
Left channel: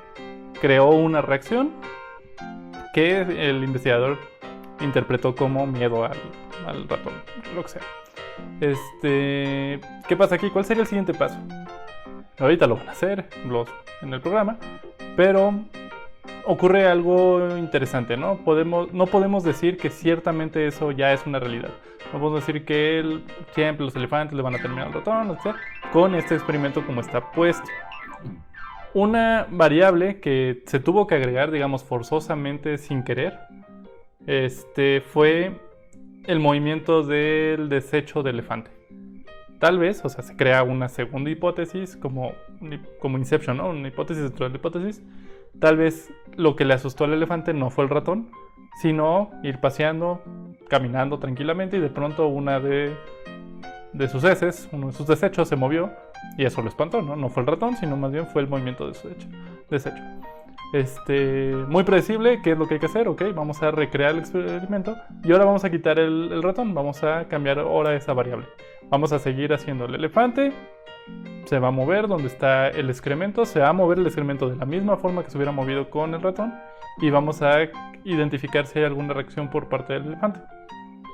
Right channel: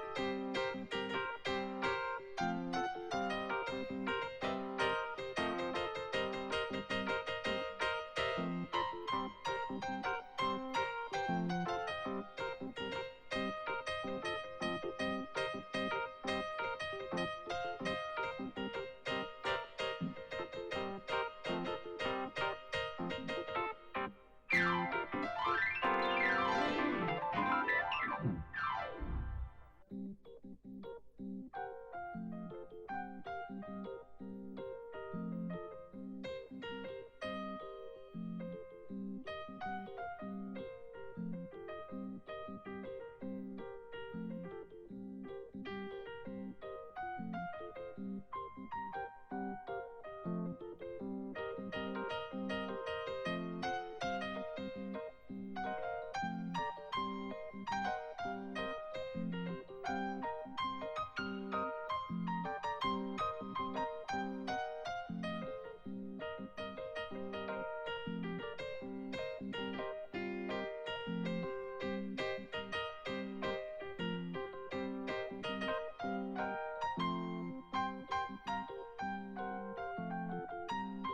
creó una reacción que el investigador interpretó como miedo al ratón, lo que sea. ¿Qué pasa aquí? ¿Cuál sería el siguiente paso? Ahorita lo van a hacer en el programa, pero ocurre algo interesante, ¿no? No podemos decir que ciertamente eso ya es una realidad. No podemos decir que siempre los elefantes le van a terminar al ratón, etc. Con este experimento como está puesto. Una variable que se tuvo que agregar, digamos, forzosamente sin querer, fue el movimiento del desecho del elefante. Tal vez, o sea, se crea una segunda hipótesis como Inception, ¿no? Una hipótesis dentro de la hipótesis. Tal vez lo que le asustó al elefante no fue el ratón, sino ir paseando, caminando tranquilamente y de pronto una de sus heces, uno de sus desechos se movió y eso lo espantó, ¿no? No fue el ratón, sino más bien fue el movimiento de su desecho. Muy predecible, ¿qué es lo que hay que hacer? Ok, vamos a recrear el experimento y ahora vamos a quitar el ratón, vamos a cambiar ahora esa variable. Vamos a seguir haciendo el elefante, se va a mover donde está el excremento, se va a mover el excremento de la misma forma que se hubiera movido con el ratón y vamos a identificar si hay alguna reacción por parte del elefante.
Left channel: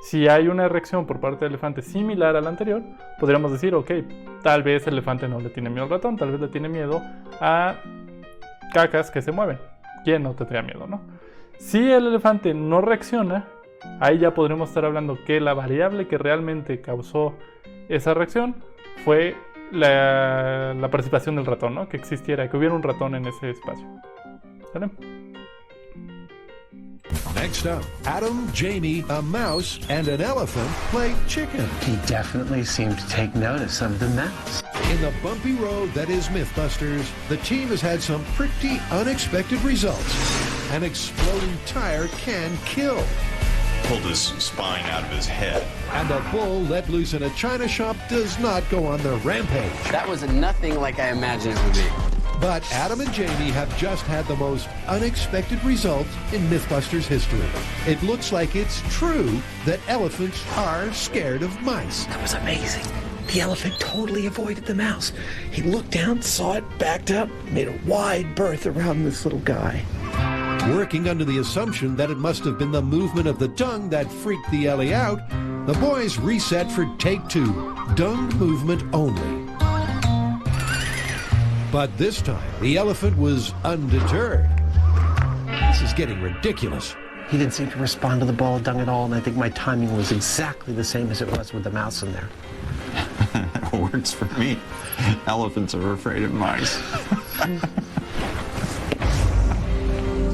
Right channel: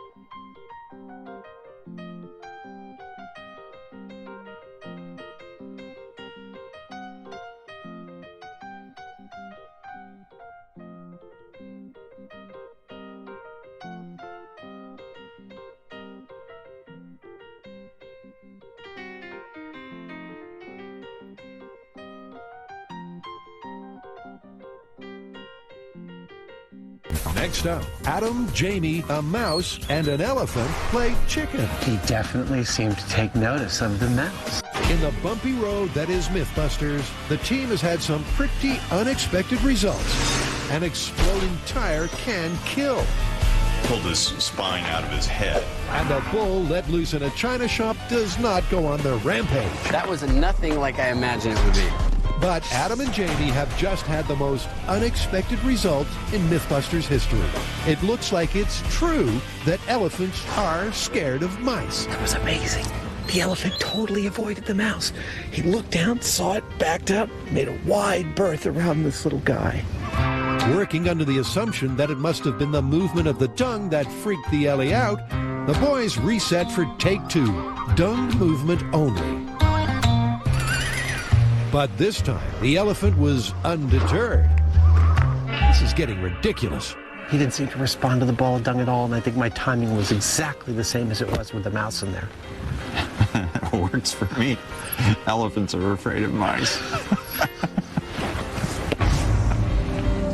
Si hay una reacción por parte del elefante similar a la anterior, podríamos decir, ok, tal vez el elefante no le tiene miedo al ratón, tal vez le tiene miedo a cacas que se mueven. ¿Quién no tendría miedo, no? Si el elefante no reacciona, ahí ya podremos estar hablando que la variable que realmente causó esa reacción fue la participación del ratón, ¿no? Que existiera, que hubiera un ratón en ese espacio. ¿Vale? Next up, Adam, Jamie, a mouse, and an elephant play chicken. He definitely seemed to take notice of the mouse. In the bumpy road that is Mythbusters, the team has had some pretty unexpected results. An exploding tire can kill. Pulled his spine out of his head. And a bull let loose in a china shop does not go on their rampage. That was nothing like I imagined it would be. But Adam and Jamie have just had the most unexpected result in Mythbusters history. It looks like it's true that elephants are scared of mice. That was amazing. The elephant totally avoided the mouse. He looked down, saw it, backed up, made a wide berth around this little guy. Working under the assumption that it must have been the movement of the dung that freaked the Ellie out, the boys reset for take two, dung movement only. But this time, the elephant was undeterred. This is getting ridiculous. He didn't seem to respond to the ball of dung at all, and I think my timing was exactly the same as it was with the mouse in there. Works for me. Elephants are afraid of mice.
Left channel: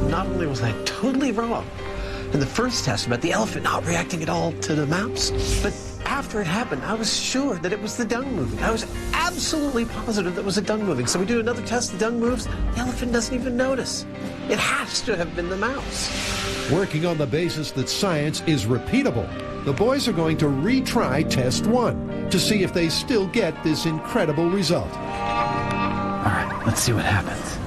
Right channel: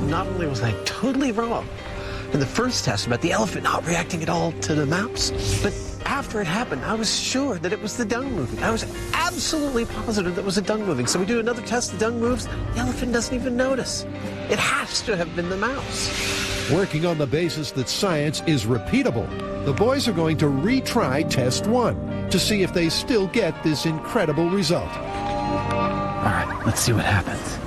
Not only was I totally wrong in the first test about the elephant not reacting at all to the mouse, but after it happened, I was sure that it was the dung moving. I was absolutely positive that it was the dung moving. So we do another test, the dung moves, the elephant doesn't even notice. It has to have been the mouse. Working on the basis that science is repeatable, the boys are going to retry test one to see if they still get this incredible result. All right, let's see what happens.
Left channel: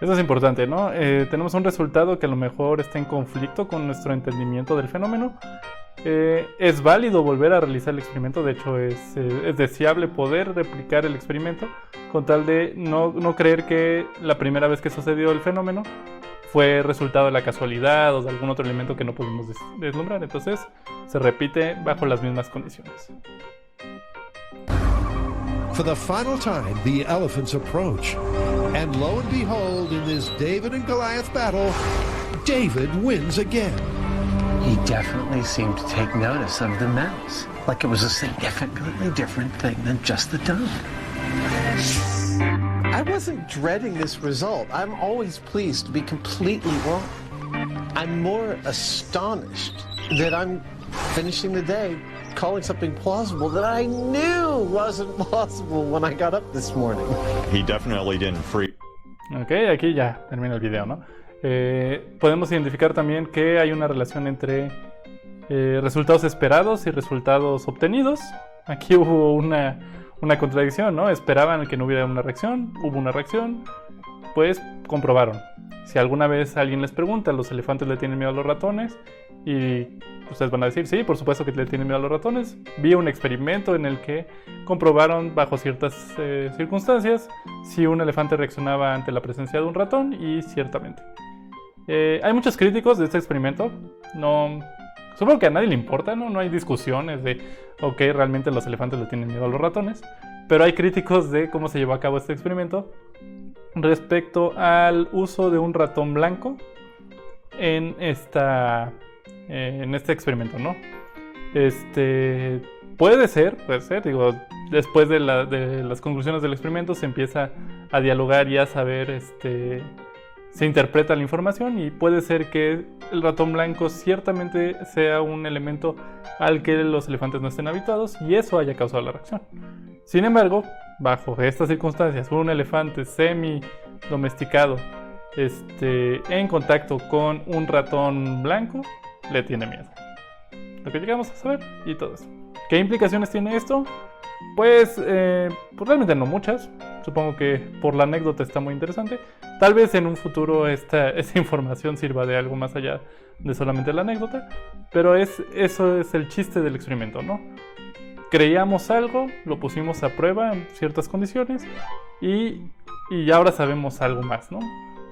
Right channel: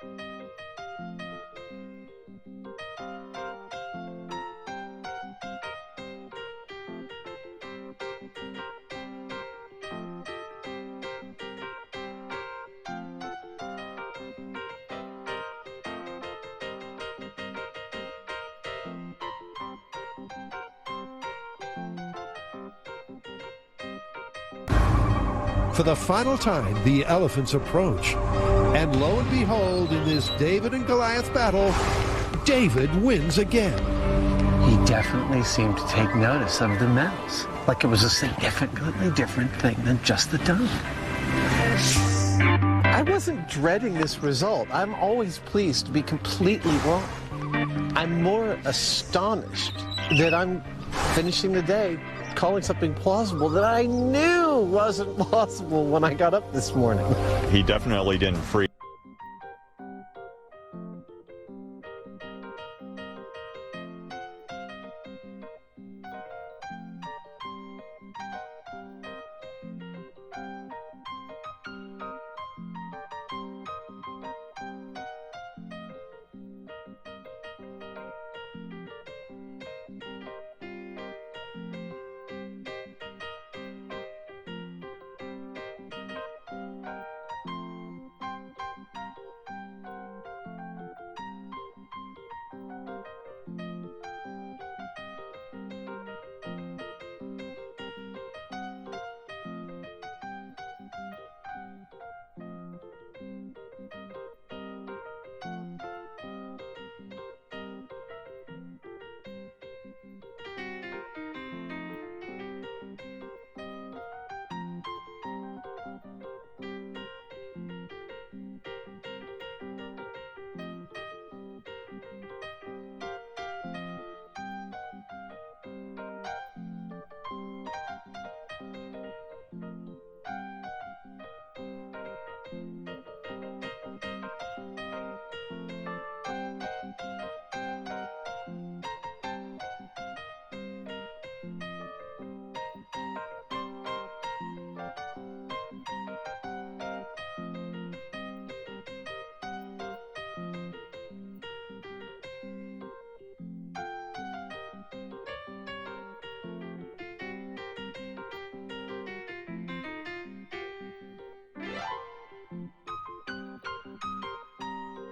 Eso es importante, ¿no? Tenemos un resultado que a lo mejor está en conflicto con nuestro entendimiento del fenómeno. Es válido volver a realizar el experimento, de hecho es deseable poder replicar el experimento con tal de no creer que la primera vez que sucedió el fenómeno fue resultado de la casualidad o de algún otro elemento que no pudimos deslumbrar. Entonces se repite bajo las mismas condiciones. For the final time, the elephants approach. And lo and behold, in this David and Goliath battle, David wins again. He definitely seemed to take notice of the mouse, like it was a significantly different thing than just the dung. I wasn't dreading this result. I'm always pleased to be completely wrong. I'm more astonished that I'm finishing the day calling something plausible that I knew wasn't plausible when I got up this morning. He definitely didn't freak. Ok, aquí ya termina el video, ¿no? Podemos identificar también que hay una relación entre resultados esperados y resultados obtenidos. Aquí hubo una contradicción, ¿no? Esperaban que no hubiera una reacción, hubo una reacción, pues comprobaron. Si alguna vez alguien les pregunta, ¿los elefantes le tienen miedo a los ratones? Y ustedes van a decir, sí, por supuesto que le tienen miedo a los ratones. Vi un experimento en el que comprobaron bajo ciertas circunstancias si un elefante reaccionaba ante la presencia de un ratón, y ciertamente. Hay muchos críticos de este experimento. Supongo que a nadie le importa, ¿no? No hay discusiones de, ok, realmente los elefantes le tienen miedo a los ratones. Pero hay críticos de cómo se llevó a cabo este experimento respecto al uso de un ratón blanco en este experimento, ¿no? Puede ser, digo, después de las conclusiones del experimento se empieza a dialogar y a saber, se interpreta la información, y puede ser que el ratón blanco ciertamente sea un elemento al que los elefantes no estén habituados y eso haya causado la reacción. Sin embargo, bajo estas circunstancias, un elefante semi-domesticado en contacto con un ratón blanco le tiene miedo. Lo que llegamos a saber y todo eso. ¿Qué implicaciones tiene esto? Pues realmente no muchas. Supongo que por la anécdota está muy interesante. Tal vez en un futuro esta información sirva de algo más allá de solamente la anécdota. Pero eso es el chiste del experimento, ¿no? Creíamos algo, lo pusimos a prueba en ciertas condiciones y ahora sabemos algo más, ¿no?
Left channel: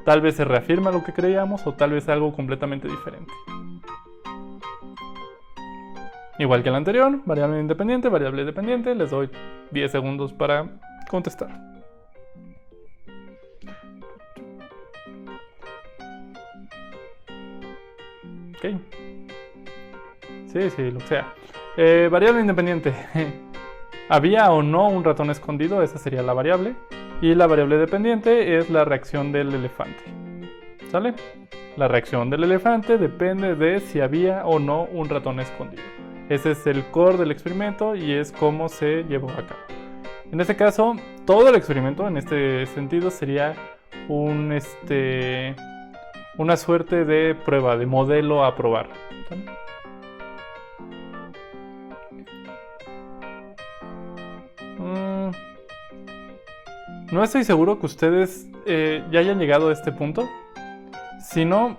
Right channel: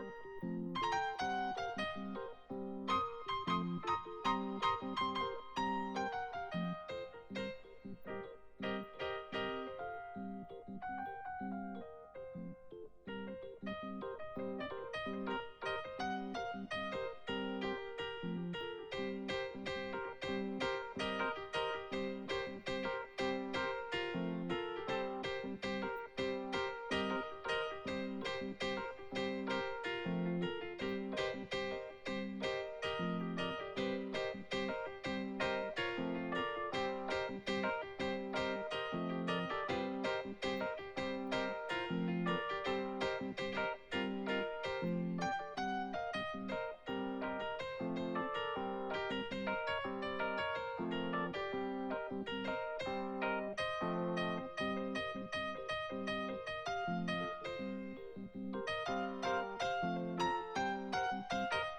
Tal vez se reafirma lo que creíamos o tal vez algo completamente diferente. Igual que el anterior, variable dependiente, les doy 10 segundos para contestar. Ok. Sí, lo que sea. Variable independiente. ¿Había o no un ratón escondido? Esa sería la variable. Y la variable dependiente es la reacción del elefante. ¿Sale? La reacción del elefante depende de si había o no un ratón escondido. Ese es el core del experimento y es cómo se llevó a cabo. En este caso, todo el experimento en este sentido sería una suerte de prueba, de modelo a probar. ¿Sale? No estoy seguro que ustedes ya hayan llegado a este punto. Si no,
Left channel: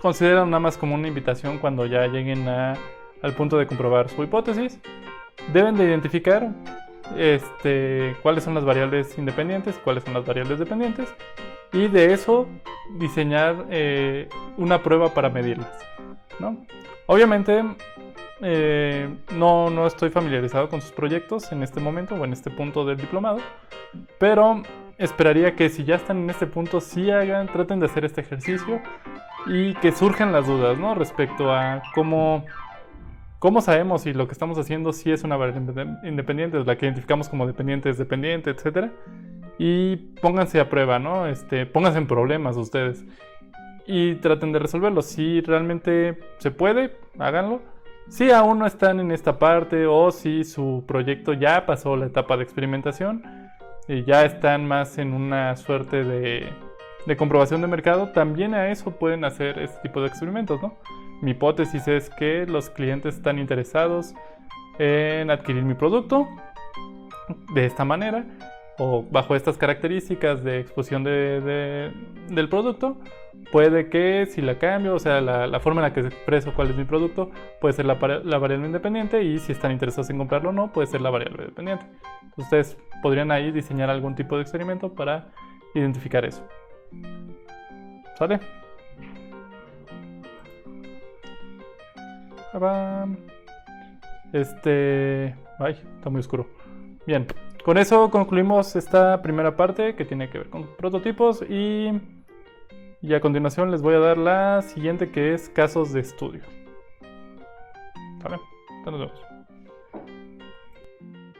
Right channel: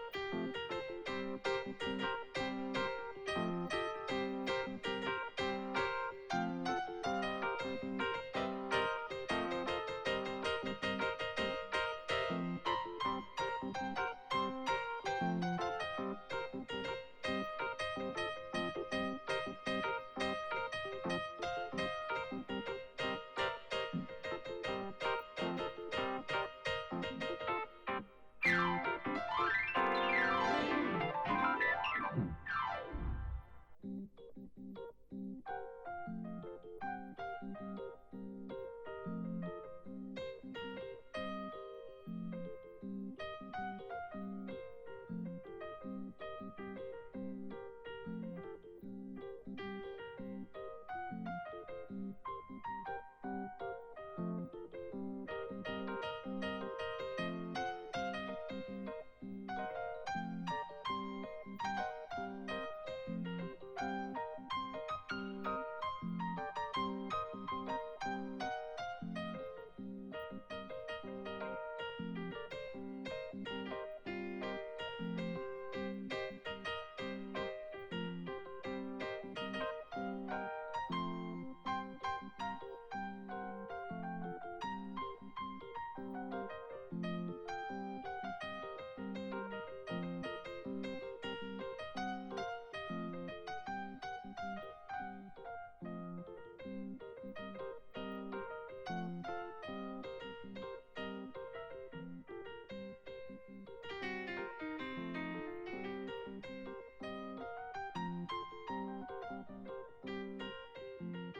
consideran nada más como una invitación cuando ya lleguen al punto de comprobar su hipótesis. Deben de identificar cuáles son las variables independientes, cuáles son las variables dependientes, y de eso diseñar una prueba para medirlas, ¿no? Obviamente no estoy familiarizado con sus proyectos en este momento o en este punto del diplomado, pero esperaría que si ya están en este punto traten de hacer este ejercicio y que surjan las dudas, ¿no? Respecto a cómo sabemos si lo que estamos haciendo sí es una variable independiente, la que identificamos como dependiente, etc. Y pónganse a prueba, ¿no? Pónganse en problemas ustedes y traten de resolverlo. Si realmente se puede, háganlo. Si aún no están en esta parte o si su proyecto ya pasó la etapa de experimentación y ya están más en una suerte de comprobación de mercado, también a eso pueden hacer este tipo de experimentos, ¿no? Mi hipótesis es que los clientes están interesados en adquirir mi producto de esta manera o bajo estas características de exposición del producto. Puede que si la cambio, o sea, la forma en la que expreso cuál es mi producto, puede ser la variable independiente, y si están interesados en comprarlo o no, puede ser la variable dependiente. Ustedes podrían ahí diseñar algún tipo de experimento para identificar eso. ¿Sale? Ay, está muy oscuro. Bien, con eso concluimos esta primera parte que tiene que ver con prototipos y a continuación les voy a dar la siguiente, que es casos de estudio. ¿Vale? Nos vemos.